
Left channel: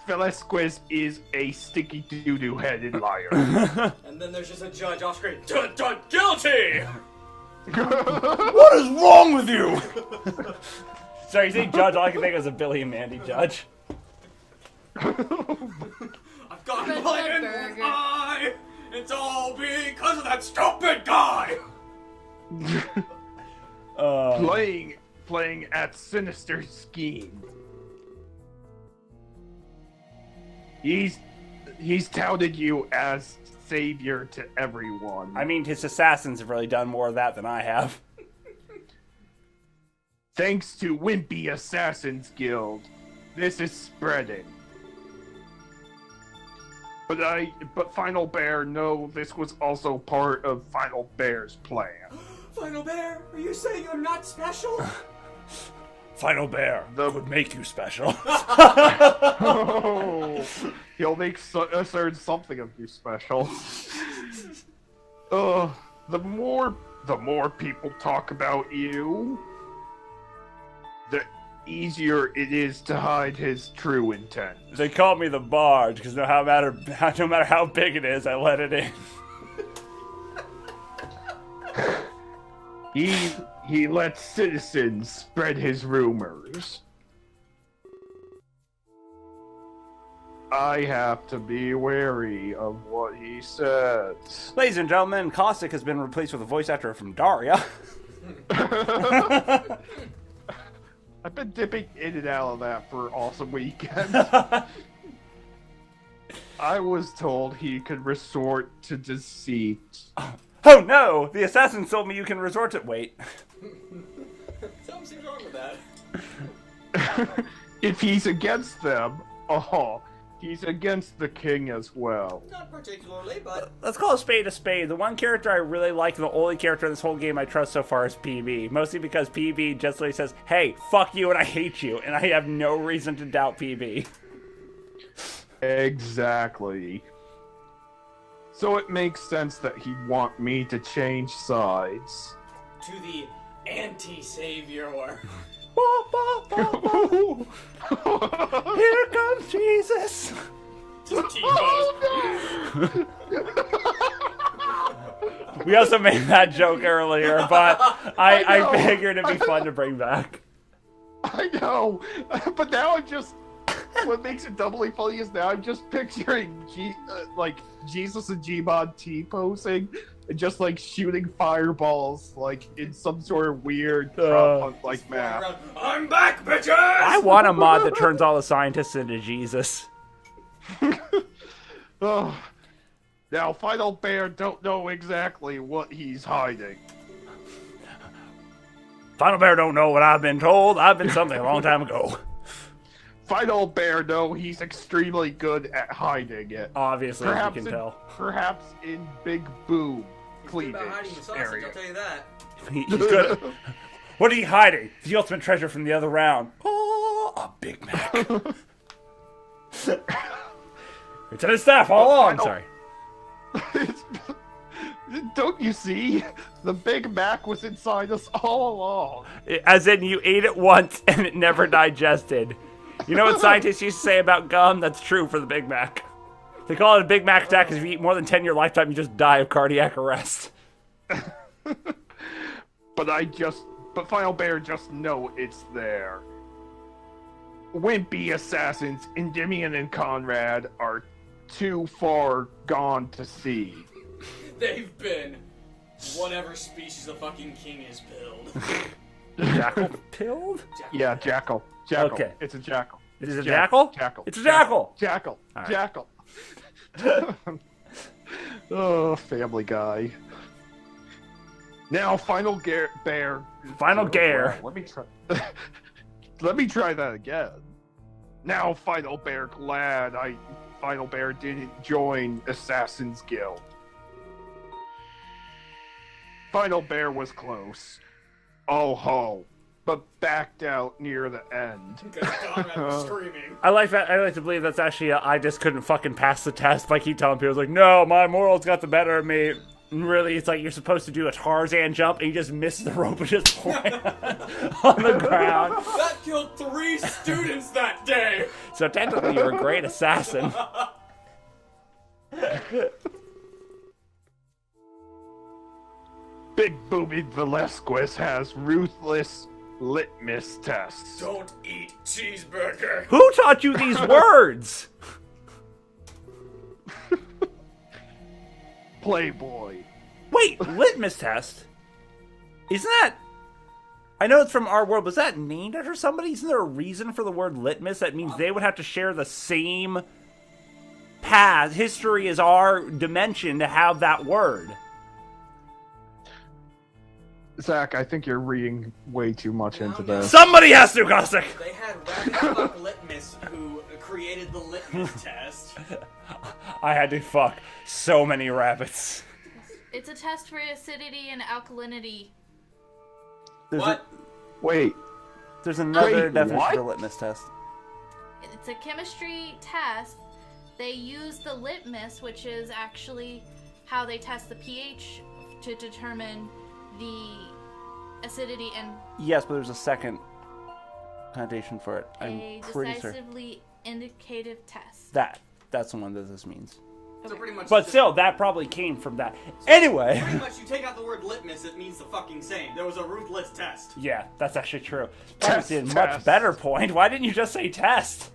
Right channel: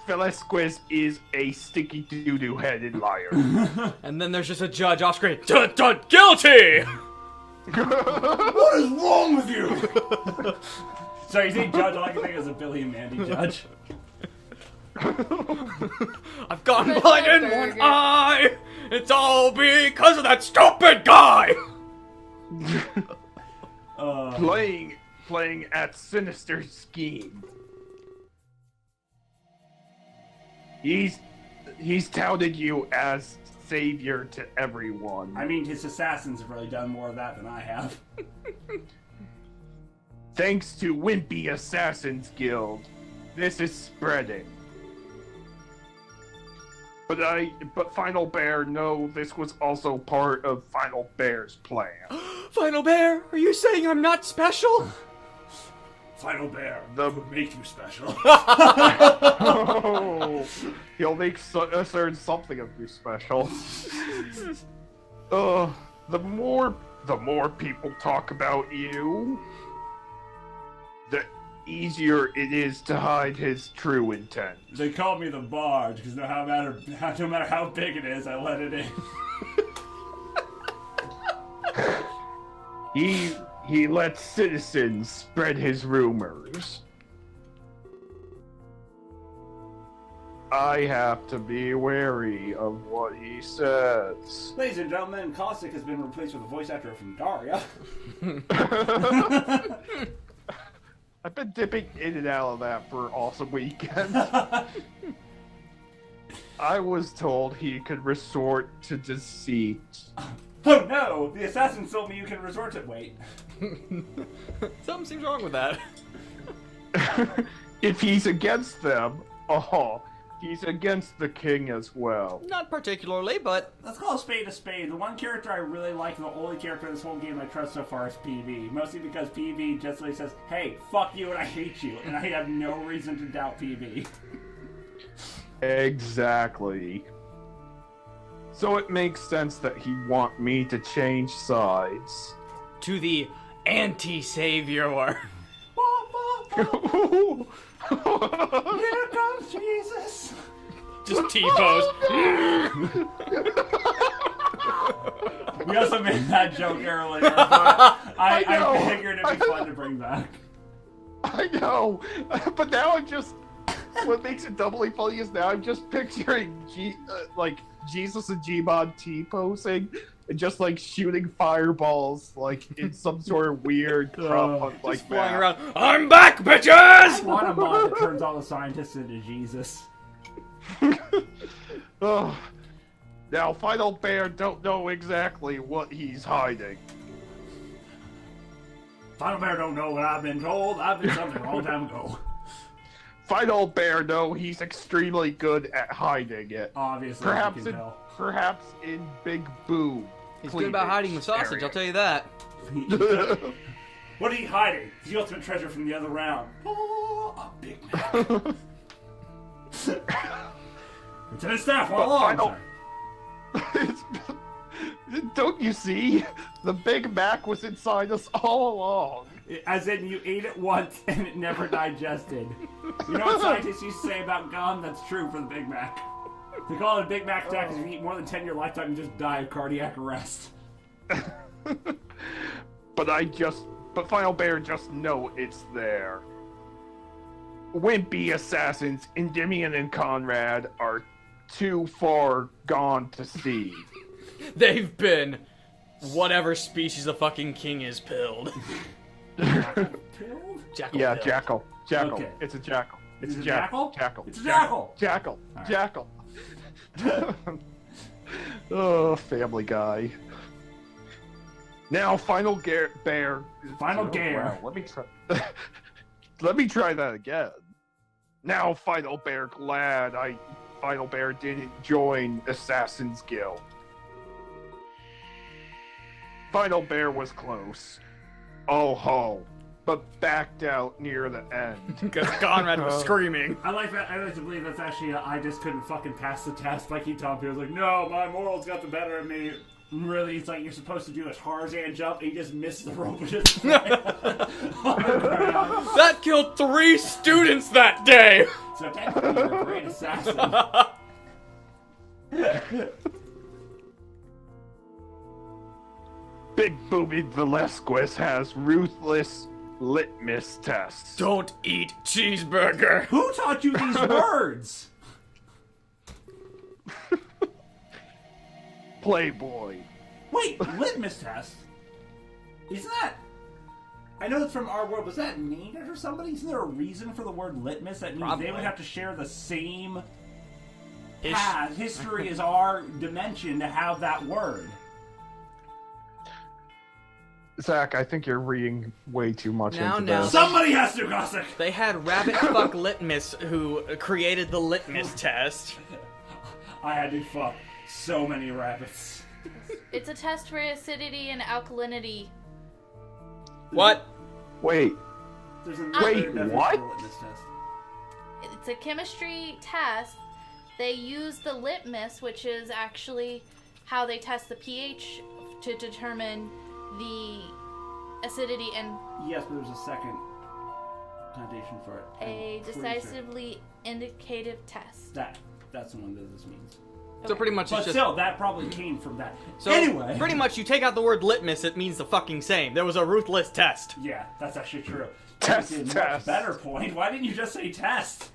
Velasquez is a stinky doo-doo headed liar. And then there's just a judge off screen. Guilty! What is wrong with you? Sorry, you think Judge? All I can think of is a Billy and Mandy Judge. I've got Red blood in burger. one eye! It's all because of that stupid guy! Playing at sinister scheme. He's touted you as savior to everyone. I mean, his assassins have really done more of that than I have. Thanks to Wimpy Assassins Guild, this is spreading. But Final Bear, no, this was also part of Final Bear's plan. Final Bear, are you saying I'm not special? Final Bear would make you special. Oh, he'll make certain something of you special. The more people talk about you, the easier it is to hide his true intent. They call me the Bard because no matter how big it is, I let it in. He lets citizens spread his rumors. I have to be wary of what he says. Ladies and gentlemen, Caustic has been replaced with a voice actor from Daria. I've been dipping in and out of that for awesome weekends. I was told he could resort to deceit. Oh no! The assassins told me you can resort to wait. Something seems wrong with that. If he's against them, he's against the king as well. Not particularly, but... Let's call a spade a spade. The one character I really like, and the only character in this whole game I trust so far is PB. Mostly because PB just literally says, hey, fuck you and I hate you. And I have no reason to doubt PB. Exactly. So it makes sense that he'd want me to change sides. To the anti-savior. Here comes Jesus! Just T-pose. We also made that joke earlier, but I figured it'd be fun to bring back. I know, but now I'm just. What makes it doubly funny is now I'm just picturing Jesus and Gmod T-posing and just like shooting fireballs like in some sort of weird prop hunt like map. Around, I'm back, bitches! I want a mod that turns all the scientists into Jesus. Oh. Now, Final Bear don't know exactly what he's hiding. Final Bear don't know what I've been told. I've been something a long time ago. Final Bear know he's extremely good at hiding it. Obviously, Perhaps you can in, tell. perhaps in Big Boom. He's good about hiding the sausage, area. I'll tell you that. He's good. What are you hiding? The ultimate treasure from the other round. Oh, a Big Mac. It's in his staff all along. Sorry. Don't you see? The Big Mac was inside us all along. As in, you ate it once and it never digested. You know what scientists used to say about gum? That's true for the Big Mac. They call it a Big Mac attack because if you eat more than 10 in your lifetime, you just die of cardiac arrest. But Final Bear just know it's there. Wimpy assassins, Endymion and Conrad, are too far gone to see. They've been whatever species of fucking king is pilled. Jackal pilled? Yeah, jackal. Jackal. Okay. It's a jackal. Is it a jackal? Jackal. It's a jackal. Jackal. Right. Jackal. Oh, Family Guy. Now, Final Bear. Final Bear. Wow, let me try. Let me try that again. Now, Final Bear, glad Final Bear didn't join Assassin's Guild. Final Bear was close. Oh ho. But backed out near the end. Because Conrad was screaming. I like that. I like to believe that's actually I just couldn't fucking pass the test. But I keep telling people, like, no, my morals got the better of me. And really, it's like you're supposed to do a Tarzan jump and you just miss the rope and just land on the ground. That killed 3 students that day! So technically, you're a great assassin. Big Booby Velasquez has ruthless litmus tests. Don't eat cheeseburger! Who taught you these words? Playboy. Wait, litmus test? Isn't that... I know it's from our world. Was that named after somebody? Isn't there a reason for the word litmus? That means they would have to share the same path, history as our dimension to have that word. Zach, I think you're reading way too much into No. this. Somebody has to, Caustic! They had Rabbit Fuck Litmus who created the litmus test. I had to fuck so many rabbits. It's a test for acidity and alkalinity. What? Wait, There's another Wait, definition what? for litmus test. It's a chemistry test. They use the litmus, which is actually how they test the pH to determine the acidity and Yes, but there's a second connotation for it. a I'm pretty certain. decisively indicative test. That's the one that this means. So pretty much But it's just... still, that probably came from that. So Anyway. pretty much you take out the word litmus, it means the fucking same. There was a ruthless test. Yeah, that's actually true. Test, That's a much test. better point. Why didn't you just say test?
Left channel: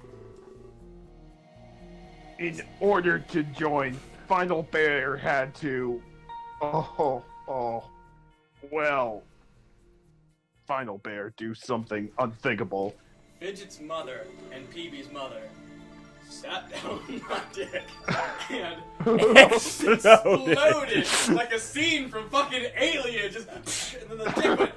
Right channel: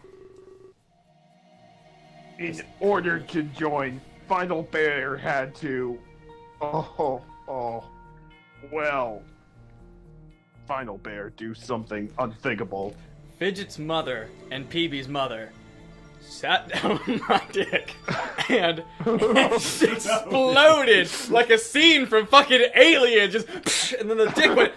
in order to join, Final Bear had to... Well... Final Bear do something unthinkable. Fidget's mother and Peebee's mother sat down on my dick and exploded like a scene from fucking Alien, just and then the dick went.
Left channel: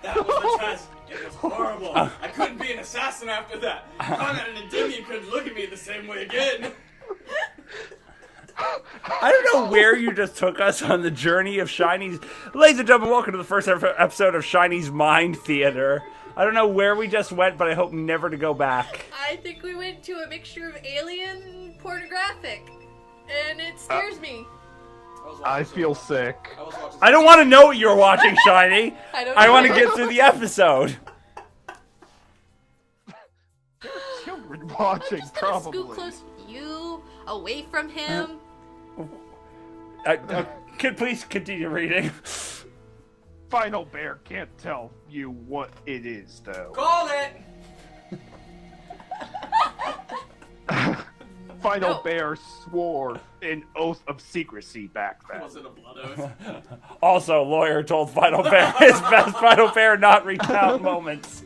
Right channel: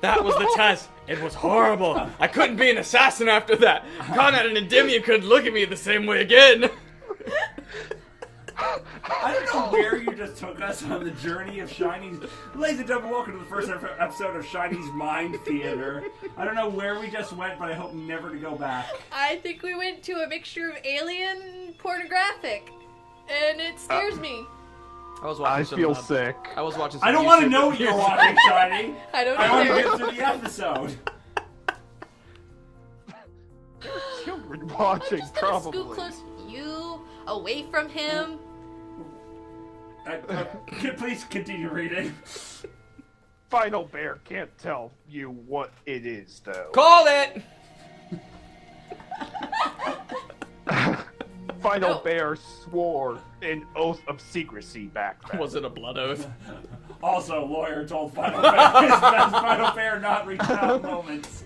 That was the test. It was horrible. I couldn't be an assassin after that. Conrad and Endymion couldn't look at me the same way again. I don't know where you just took us on the journey of Shiny's... Ladies and gentlemen, welcome to the first episode of Shiny's Mind Theater. I don't know where we just went, but I hope never to go back. I think we went to a mixture of alien and pornographic, and it scares me. I feel sick. I was watching. I don't want to know what you're watching, Shiny. I want to care. get through the episode. Children I'm watching, just gonna probably. scoot close to you, away from him. Please continue reading. Final Bear can't tell you what it is, though. Called it! Final No. Bear swore an oath of secrecy back then. Was it a blood oath? Also, lawyer told Final Bear his best Final Bear not recount moments.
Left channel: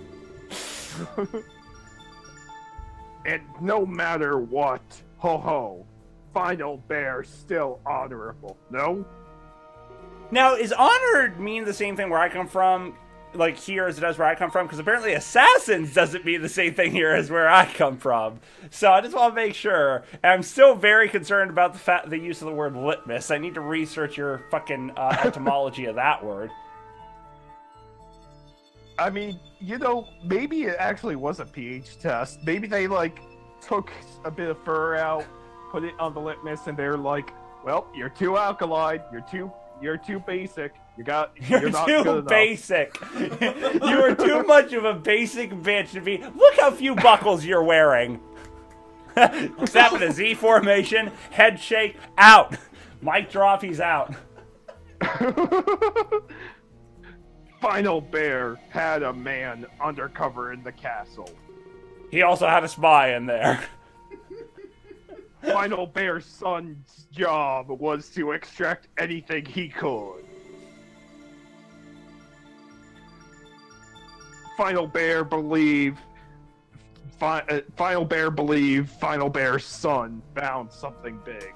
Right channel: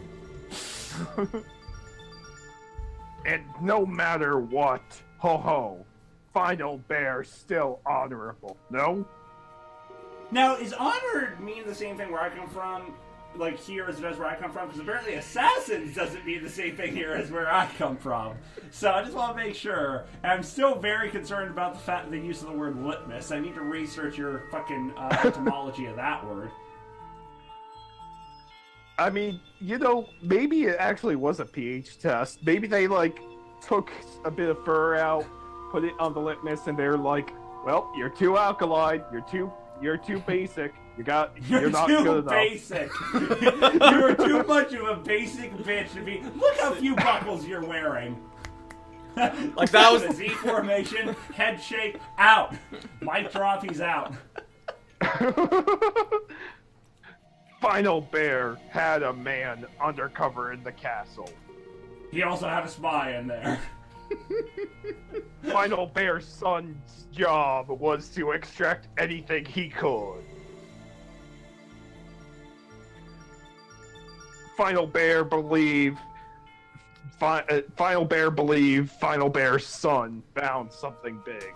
And no matter what, ho ho, Final Bear still honorable, no? Now, is honored mean the same thing where I come from, like here as it does where I come from? Because apparently assassins doesn't mean the same thing here as where I come from. So I just want to make sure. And I'm still very concerned about the use of the word litmus. I need to research your fucking etymology of that word. I mean, you know, maybe it actually was a pH test. Maybe they, like, took a bit of fur out, put it on the litmus, and they're like, well, you're too alkaline, you're too basic, you're not too good enough. Basic. You're too much of a basic bitch to be. Look how few buckles you're wearing. Like that was a Z formation, head shake, out. Mic drop, he's out. Final Bear had a man undercover in the castle. He also had a spy in there. Final Bear's son's job was to extract anything he could. Final Bear believed Final Bear's son found something big.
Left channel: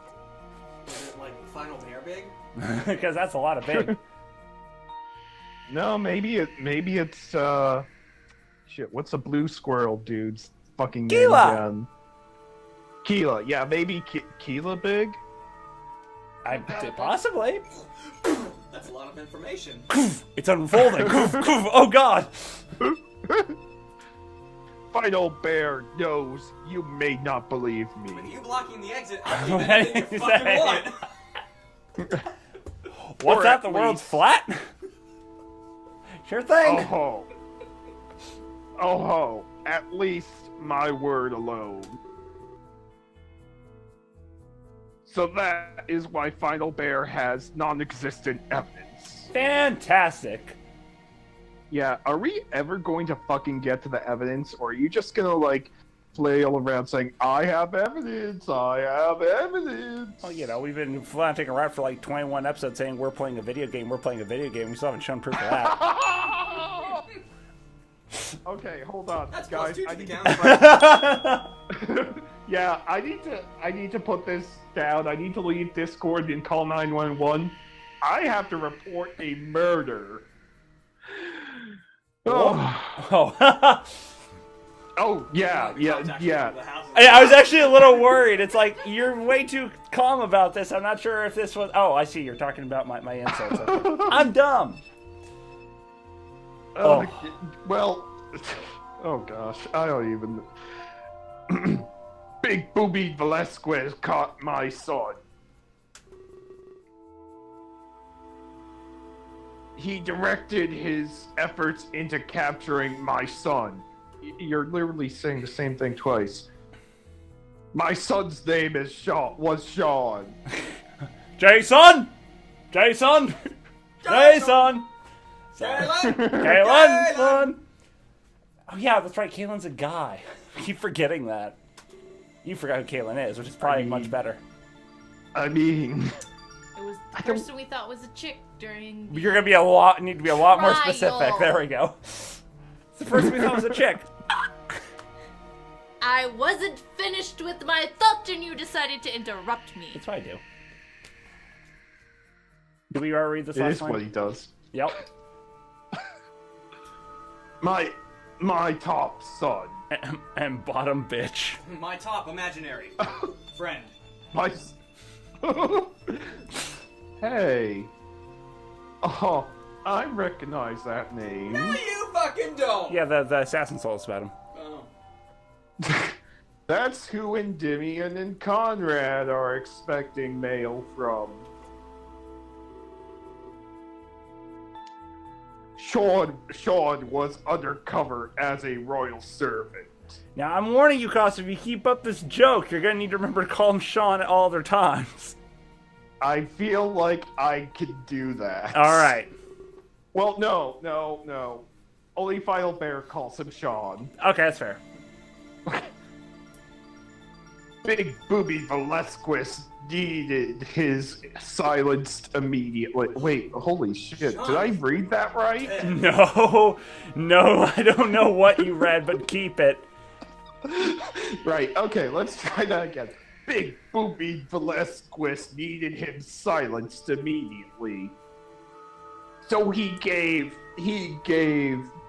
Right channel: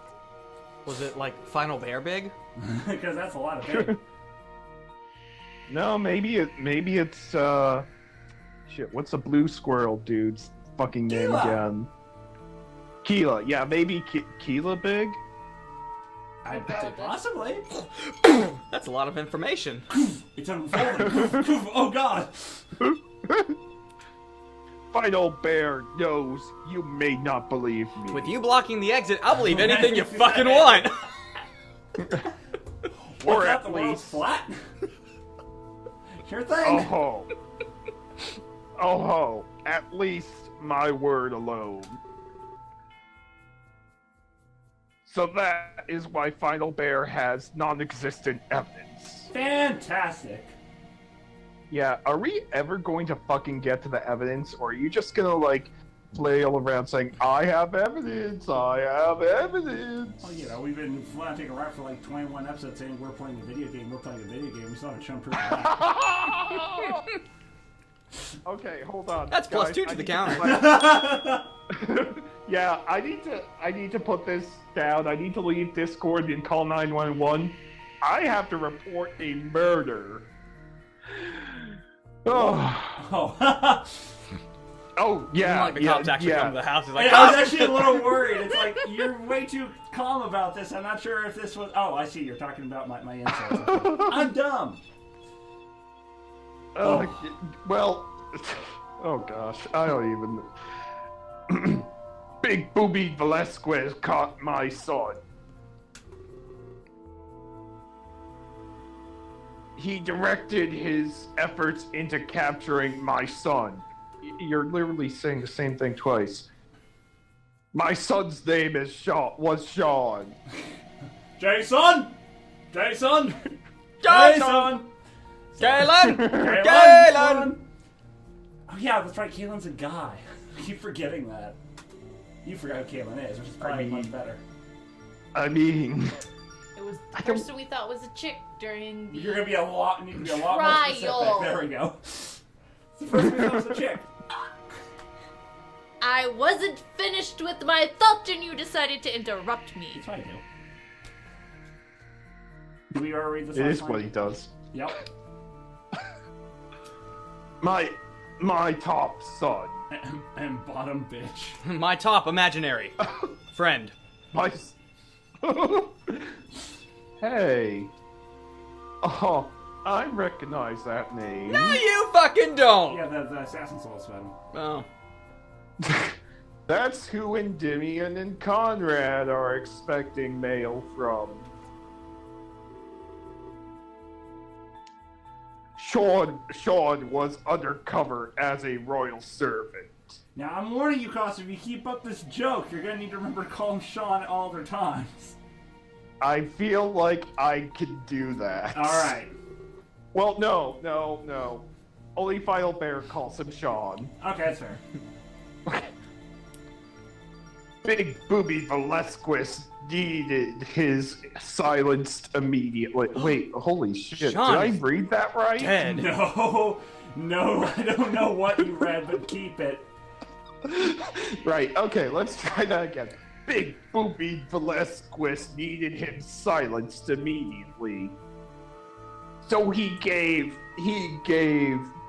Was it like Final Bear big? Because that's a lot of big. No, maybe it's shit. What's the blue squirrel dude's fucking name Keela. again? Keela. Yeah, maybe Keela big. Possibly. That's a lot of information. It's unfolding. Oh god. Final Bear knows you may not believe me. With you blocking the exit, I'll believe anything you fucking want. Or What's at that, the world's least- flat? Sure thing. Oh ho. Oh ho. At least my word alone. So that is why Final Bear has non-existent evidence. Fantastic. Yeah, are we ever going to fucking get to the evidence, or are you just gonna, like, flail around saying, I have evidence, I have evidence? Well, you know, we've been flaunting around for like 21 episodes saying we're playing a video game, we're playing a video game. We still haven't shown proof of that. Okay, hold on. That's guys, plus 2 to I the need count. Yeah, I need to put this down. I need to leave Discord and call 911. I have to report a murder. Oh, Oh. oh yeah, The cops yeah, actually come to yeah. the house and like, I was actually a little worried. It's like, you're way too calm about this. I'm not sure if this was... Oh, I see. You're talking about my insults. I'm dumb. Well, oh gosh, I don't even. Big Booby Velasquez caught my son. He directed his efforts into capturing my son. You're literally saying the same thing twice. My son's name is Sean. Was Sean. Jason! Jason! Jason! Galen! Kalen! Galen! Oh yeah, that's right. Kalen's a guy. I keep forgetting that. You forgot who Kalen is, which is probably much better. I mean, It was the I don't- person we thought was a chick during the You're gonna be a lot. Need to be a lot more specific. Trial. There we go. It's the first we thought was a chick. I wasn't finished with my thought and you decided to interrupt me. That's what I do. Do we already read this? it last is what line? he does. Yep. My top son. And bottom bitch. My top imaginary friend. My. s- Hey. Oh, I recognize that name. No, you fucking don't! Yeah, the assassin soul's about him. Oh. That's who Endymion and Conrad are expecting mail from. Sean was undercover as a royal servant. Now I'm warning you, Caustic, if you keep up this joke, you're gonna need to remember to call him Sean at all other times. I feel like I could do that. All right. Well, no. Only Final Bear calls him Sean. Okay, that's fair. Big Booby Velasquez needed his silenced immediately. Wait, holy shit. Sean. Did I read that right? Ten. No, I don't know what you read, but keep it. Right, okay, let's try that again. Big Booby Velasquez needed him silenced immediately. So he gave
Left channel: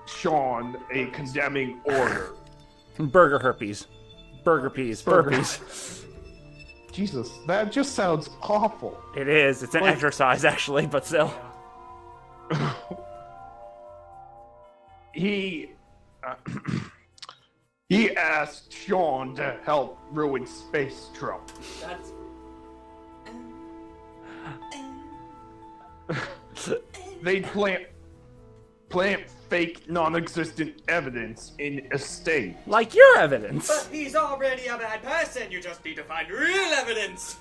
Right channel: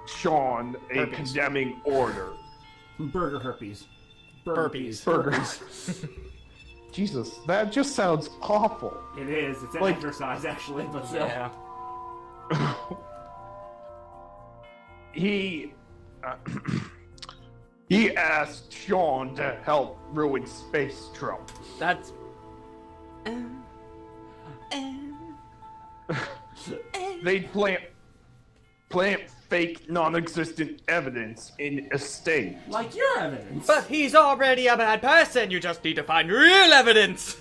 Sean a condemning order. Burger herpes. Burger peas. Burgers. Jesus, that just sounds awful. It is. It's an Like- exercise, actually, but still. Yeah. He asked Sean to help ruin Space Trump. That's. They plant fake non-existent evidence in a state. Like your evidence. But he's already a bad person. You just need to find real evidence.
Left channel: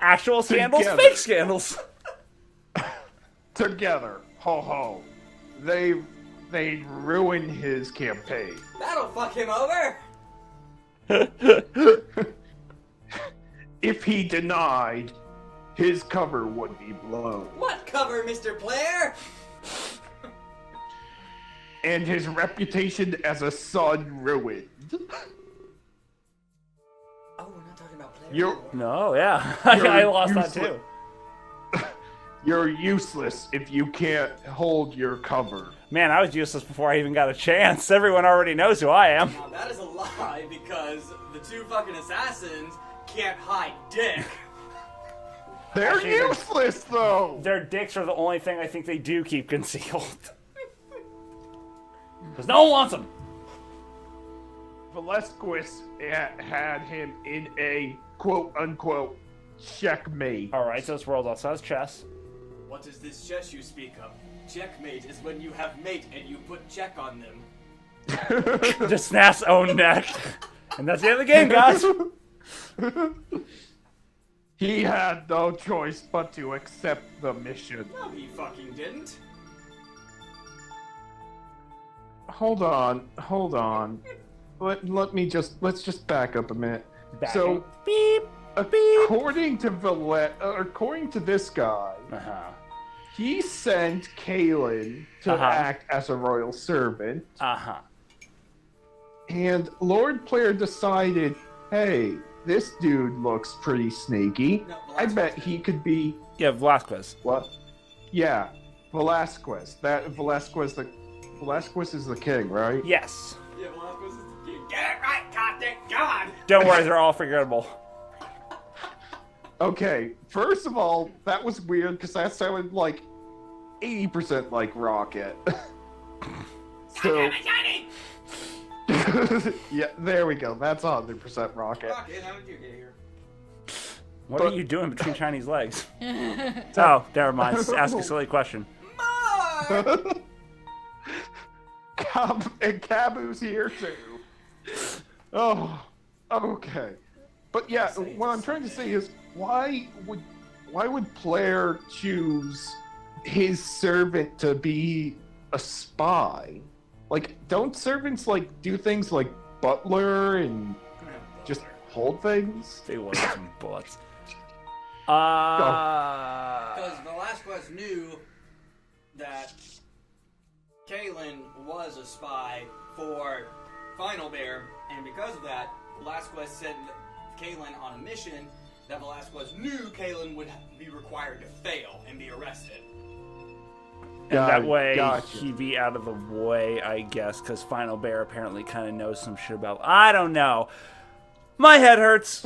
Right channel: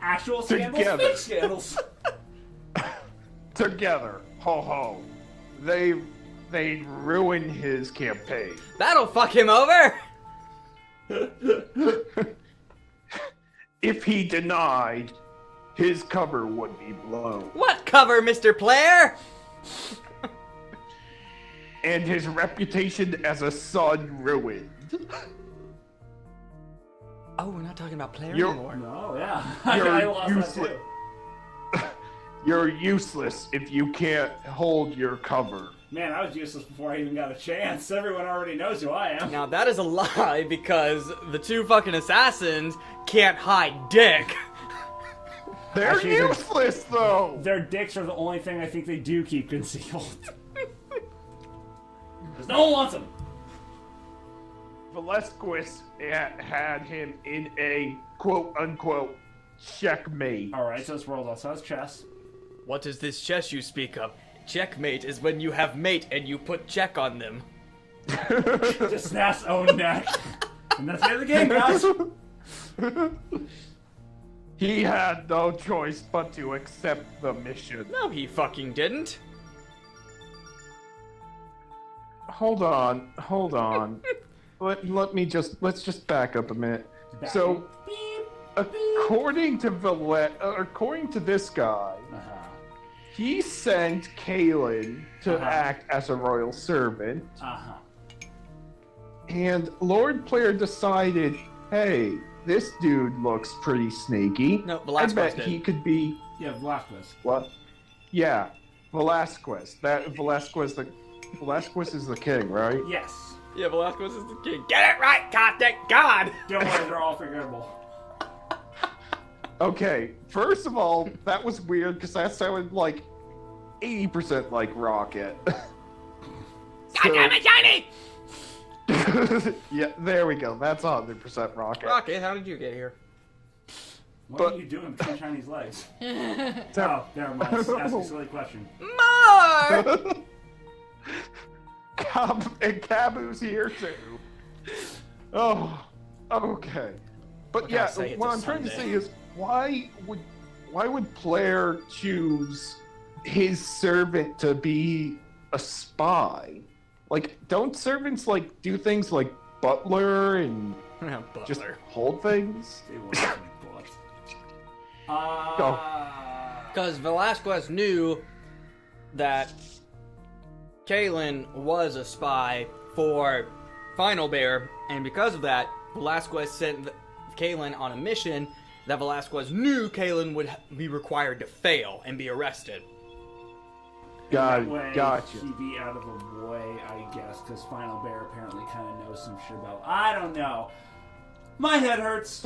Actual scandals, Together. fake scandals. Together, ho ho, they'd ruin his campaign. That'll fuck him over. If he denied, his cover would be blown, What cover, Mr. Player? and his reputation as a son ruined. Oh, we're not talking about Player You're- anymore. No, yeah. You're I lost that useless. too. You're useless if you can't hold your cover. Man, I was useless before I even got a chance. Everyone already knows who I am. Now that is a lie because the two fucking assassins can't hide dick. They're Actually, they're- useless, though! Their dicks are the only thing I think they do keep concealed. Because no one wants them. Velasquez had him in a quote-unquote checkmate. Alright, so this world also has chess. What is this chess you speak of? Checkmate is when you have mate and you put check on them. Just snaps own neck. And that's the end of the game, guys. He had no choice but to accept the mission. No, he fucking didn't. Hold on. Let's just back up a minute. So, Beep. according to this guy, Uh-huh. he sent Kalen to Uh-huh. act as a royal servant, Uh-huh. and Lord Player decided, hey, this dude looks pretty sneaky. No, I Velasquez bet did. he could be Yeah, Velasquez. what? Yeah, Velasquez. Velasquez is the king, right? Yes. Yeah, Velasquez is the king. Get it right, Caustic God! Don't worry, they're all forgettable. Okay, first of all, that was weird because that sounded like 80% like Rocket. So, Shiny! yeah, there we go. That's 100% Rocket. Rocket, how did you get here? What But- are you doing between Chinese legs? Oh, never mind. Just ask a silly question. More! And Cabu's here too. Oh, okay. But yeah, say it's what a I'm trying to Sunday. say is, why would Player choose his servant to be a spy? Like, don't servants like do things like butler and just hold things? They want some butts. Because Velasquez knew that Kalen was a spy for Final Bear, and because of that, Velasquez sent Kalen on a mission that Velasquez knew Kalen would be required to fail and be arrested. That way, gotcha. he'd be out of the way, I guess, because Final Bear apparently kind of knows some shit about. I don't know. My head hurts.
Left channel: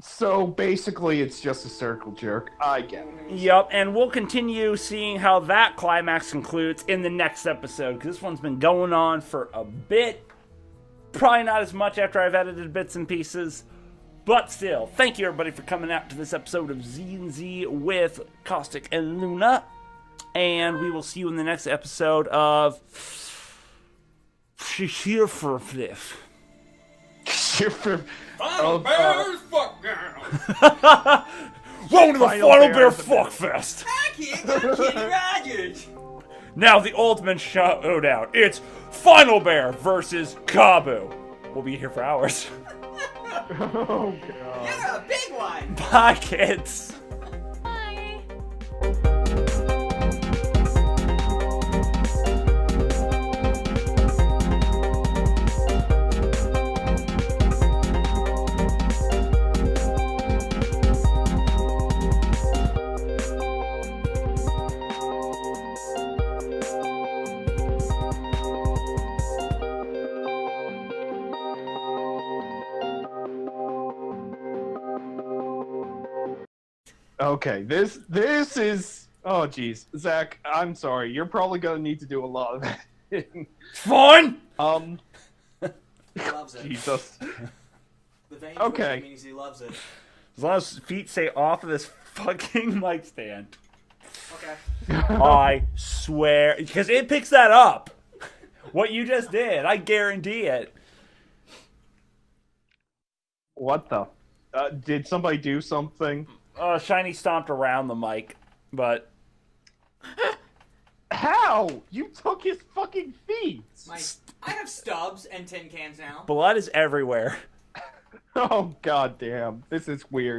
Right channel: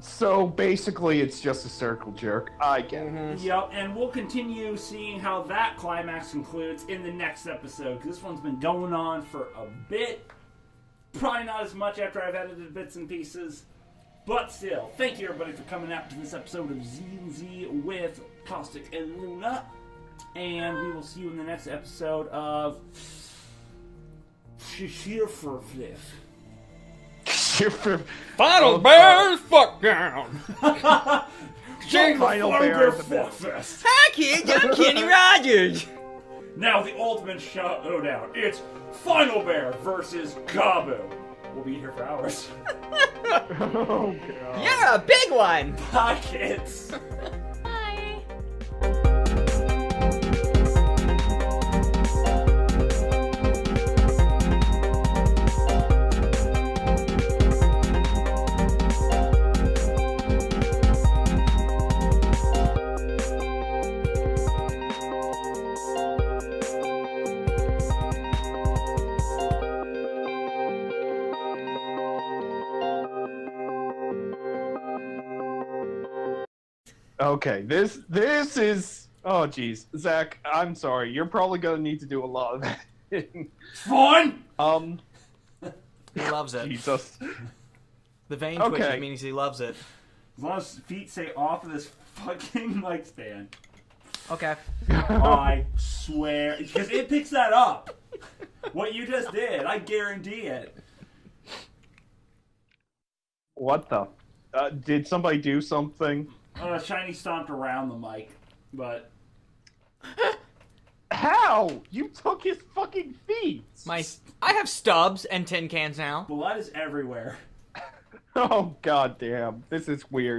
So basically, it's just a circle jerk. I get it. Yep, and we'll continue seeing how that climax concludes in the next episode, because this one's been going on for a bit. Probably not as much after I've edited bits and pieces, but still, thank you everybody for coming out to this episode of ZandZ with Caustic and Luna, and we will see you in the next episode of She's Here for a Fifth. Final Bears fuck down. Welcome to the Final Final Bear Bear in the middle. Fuckfest. Hi kids, I'm Kenny Rogers. Now the ultimate showdown. It's Final Bear versus Kabu. We'll be here for hours. Oh god. You're a big one. Bye, kids. Bye. Okay, this is. Oh jeez, Zach, I'm sorry. You're probably gonna need to do a lot of editing. Fine. He loves it. Jesus. The vein Okay. twitching means he loves it. As long as feet stay off of this fucking mic stand. Okay. I swear, because it picks that up. What you just did, I guarantee it. What the? Did somebody do something? Shiny stomped around the mic, but How? You took his fucking feet. I have stubs and tin cans now. blood is everywhere. Oh god damn. This is weird.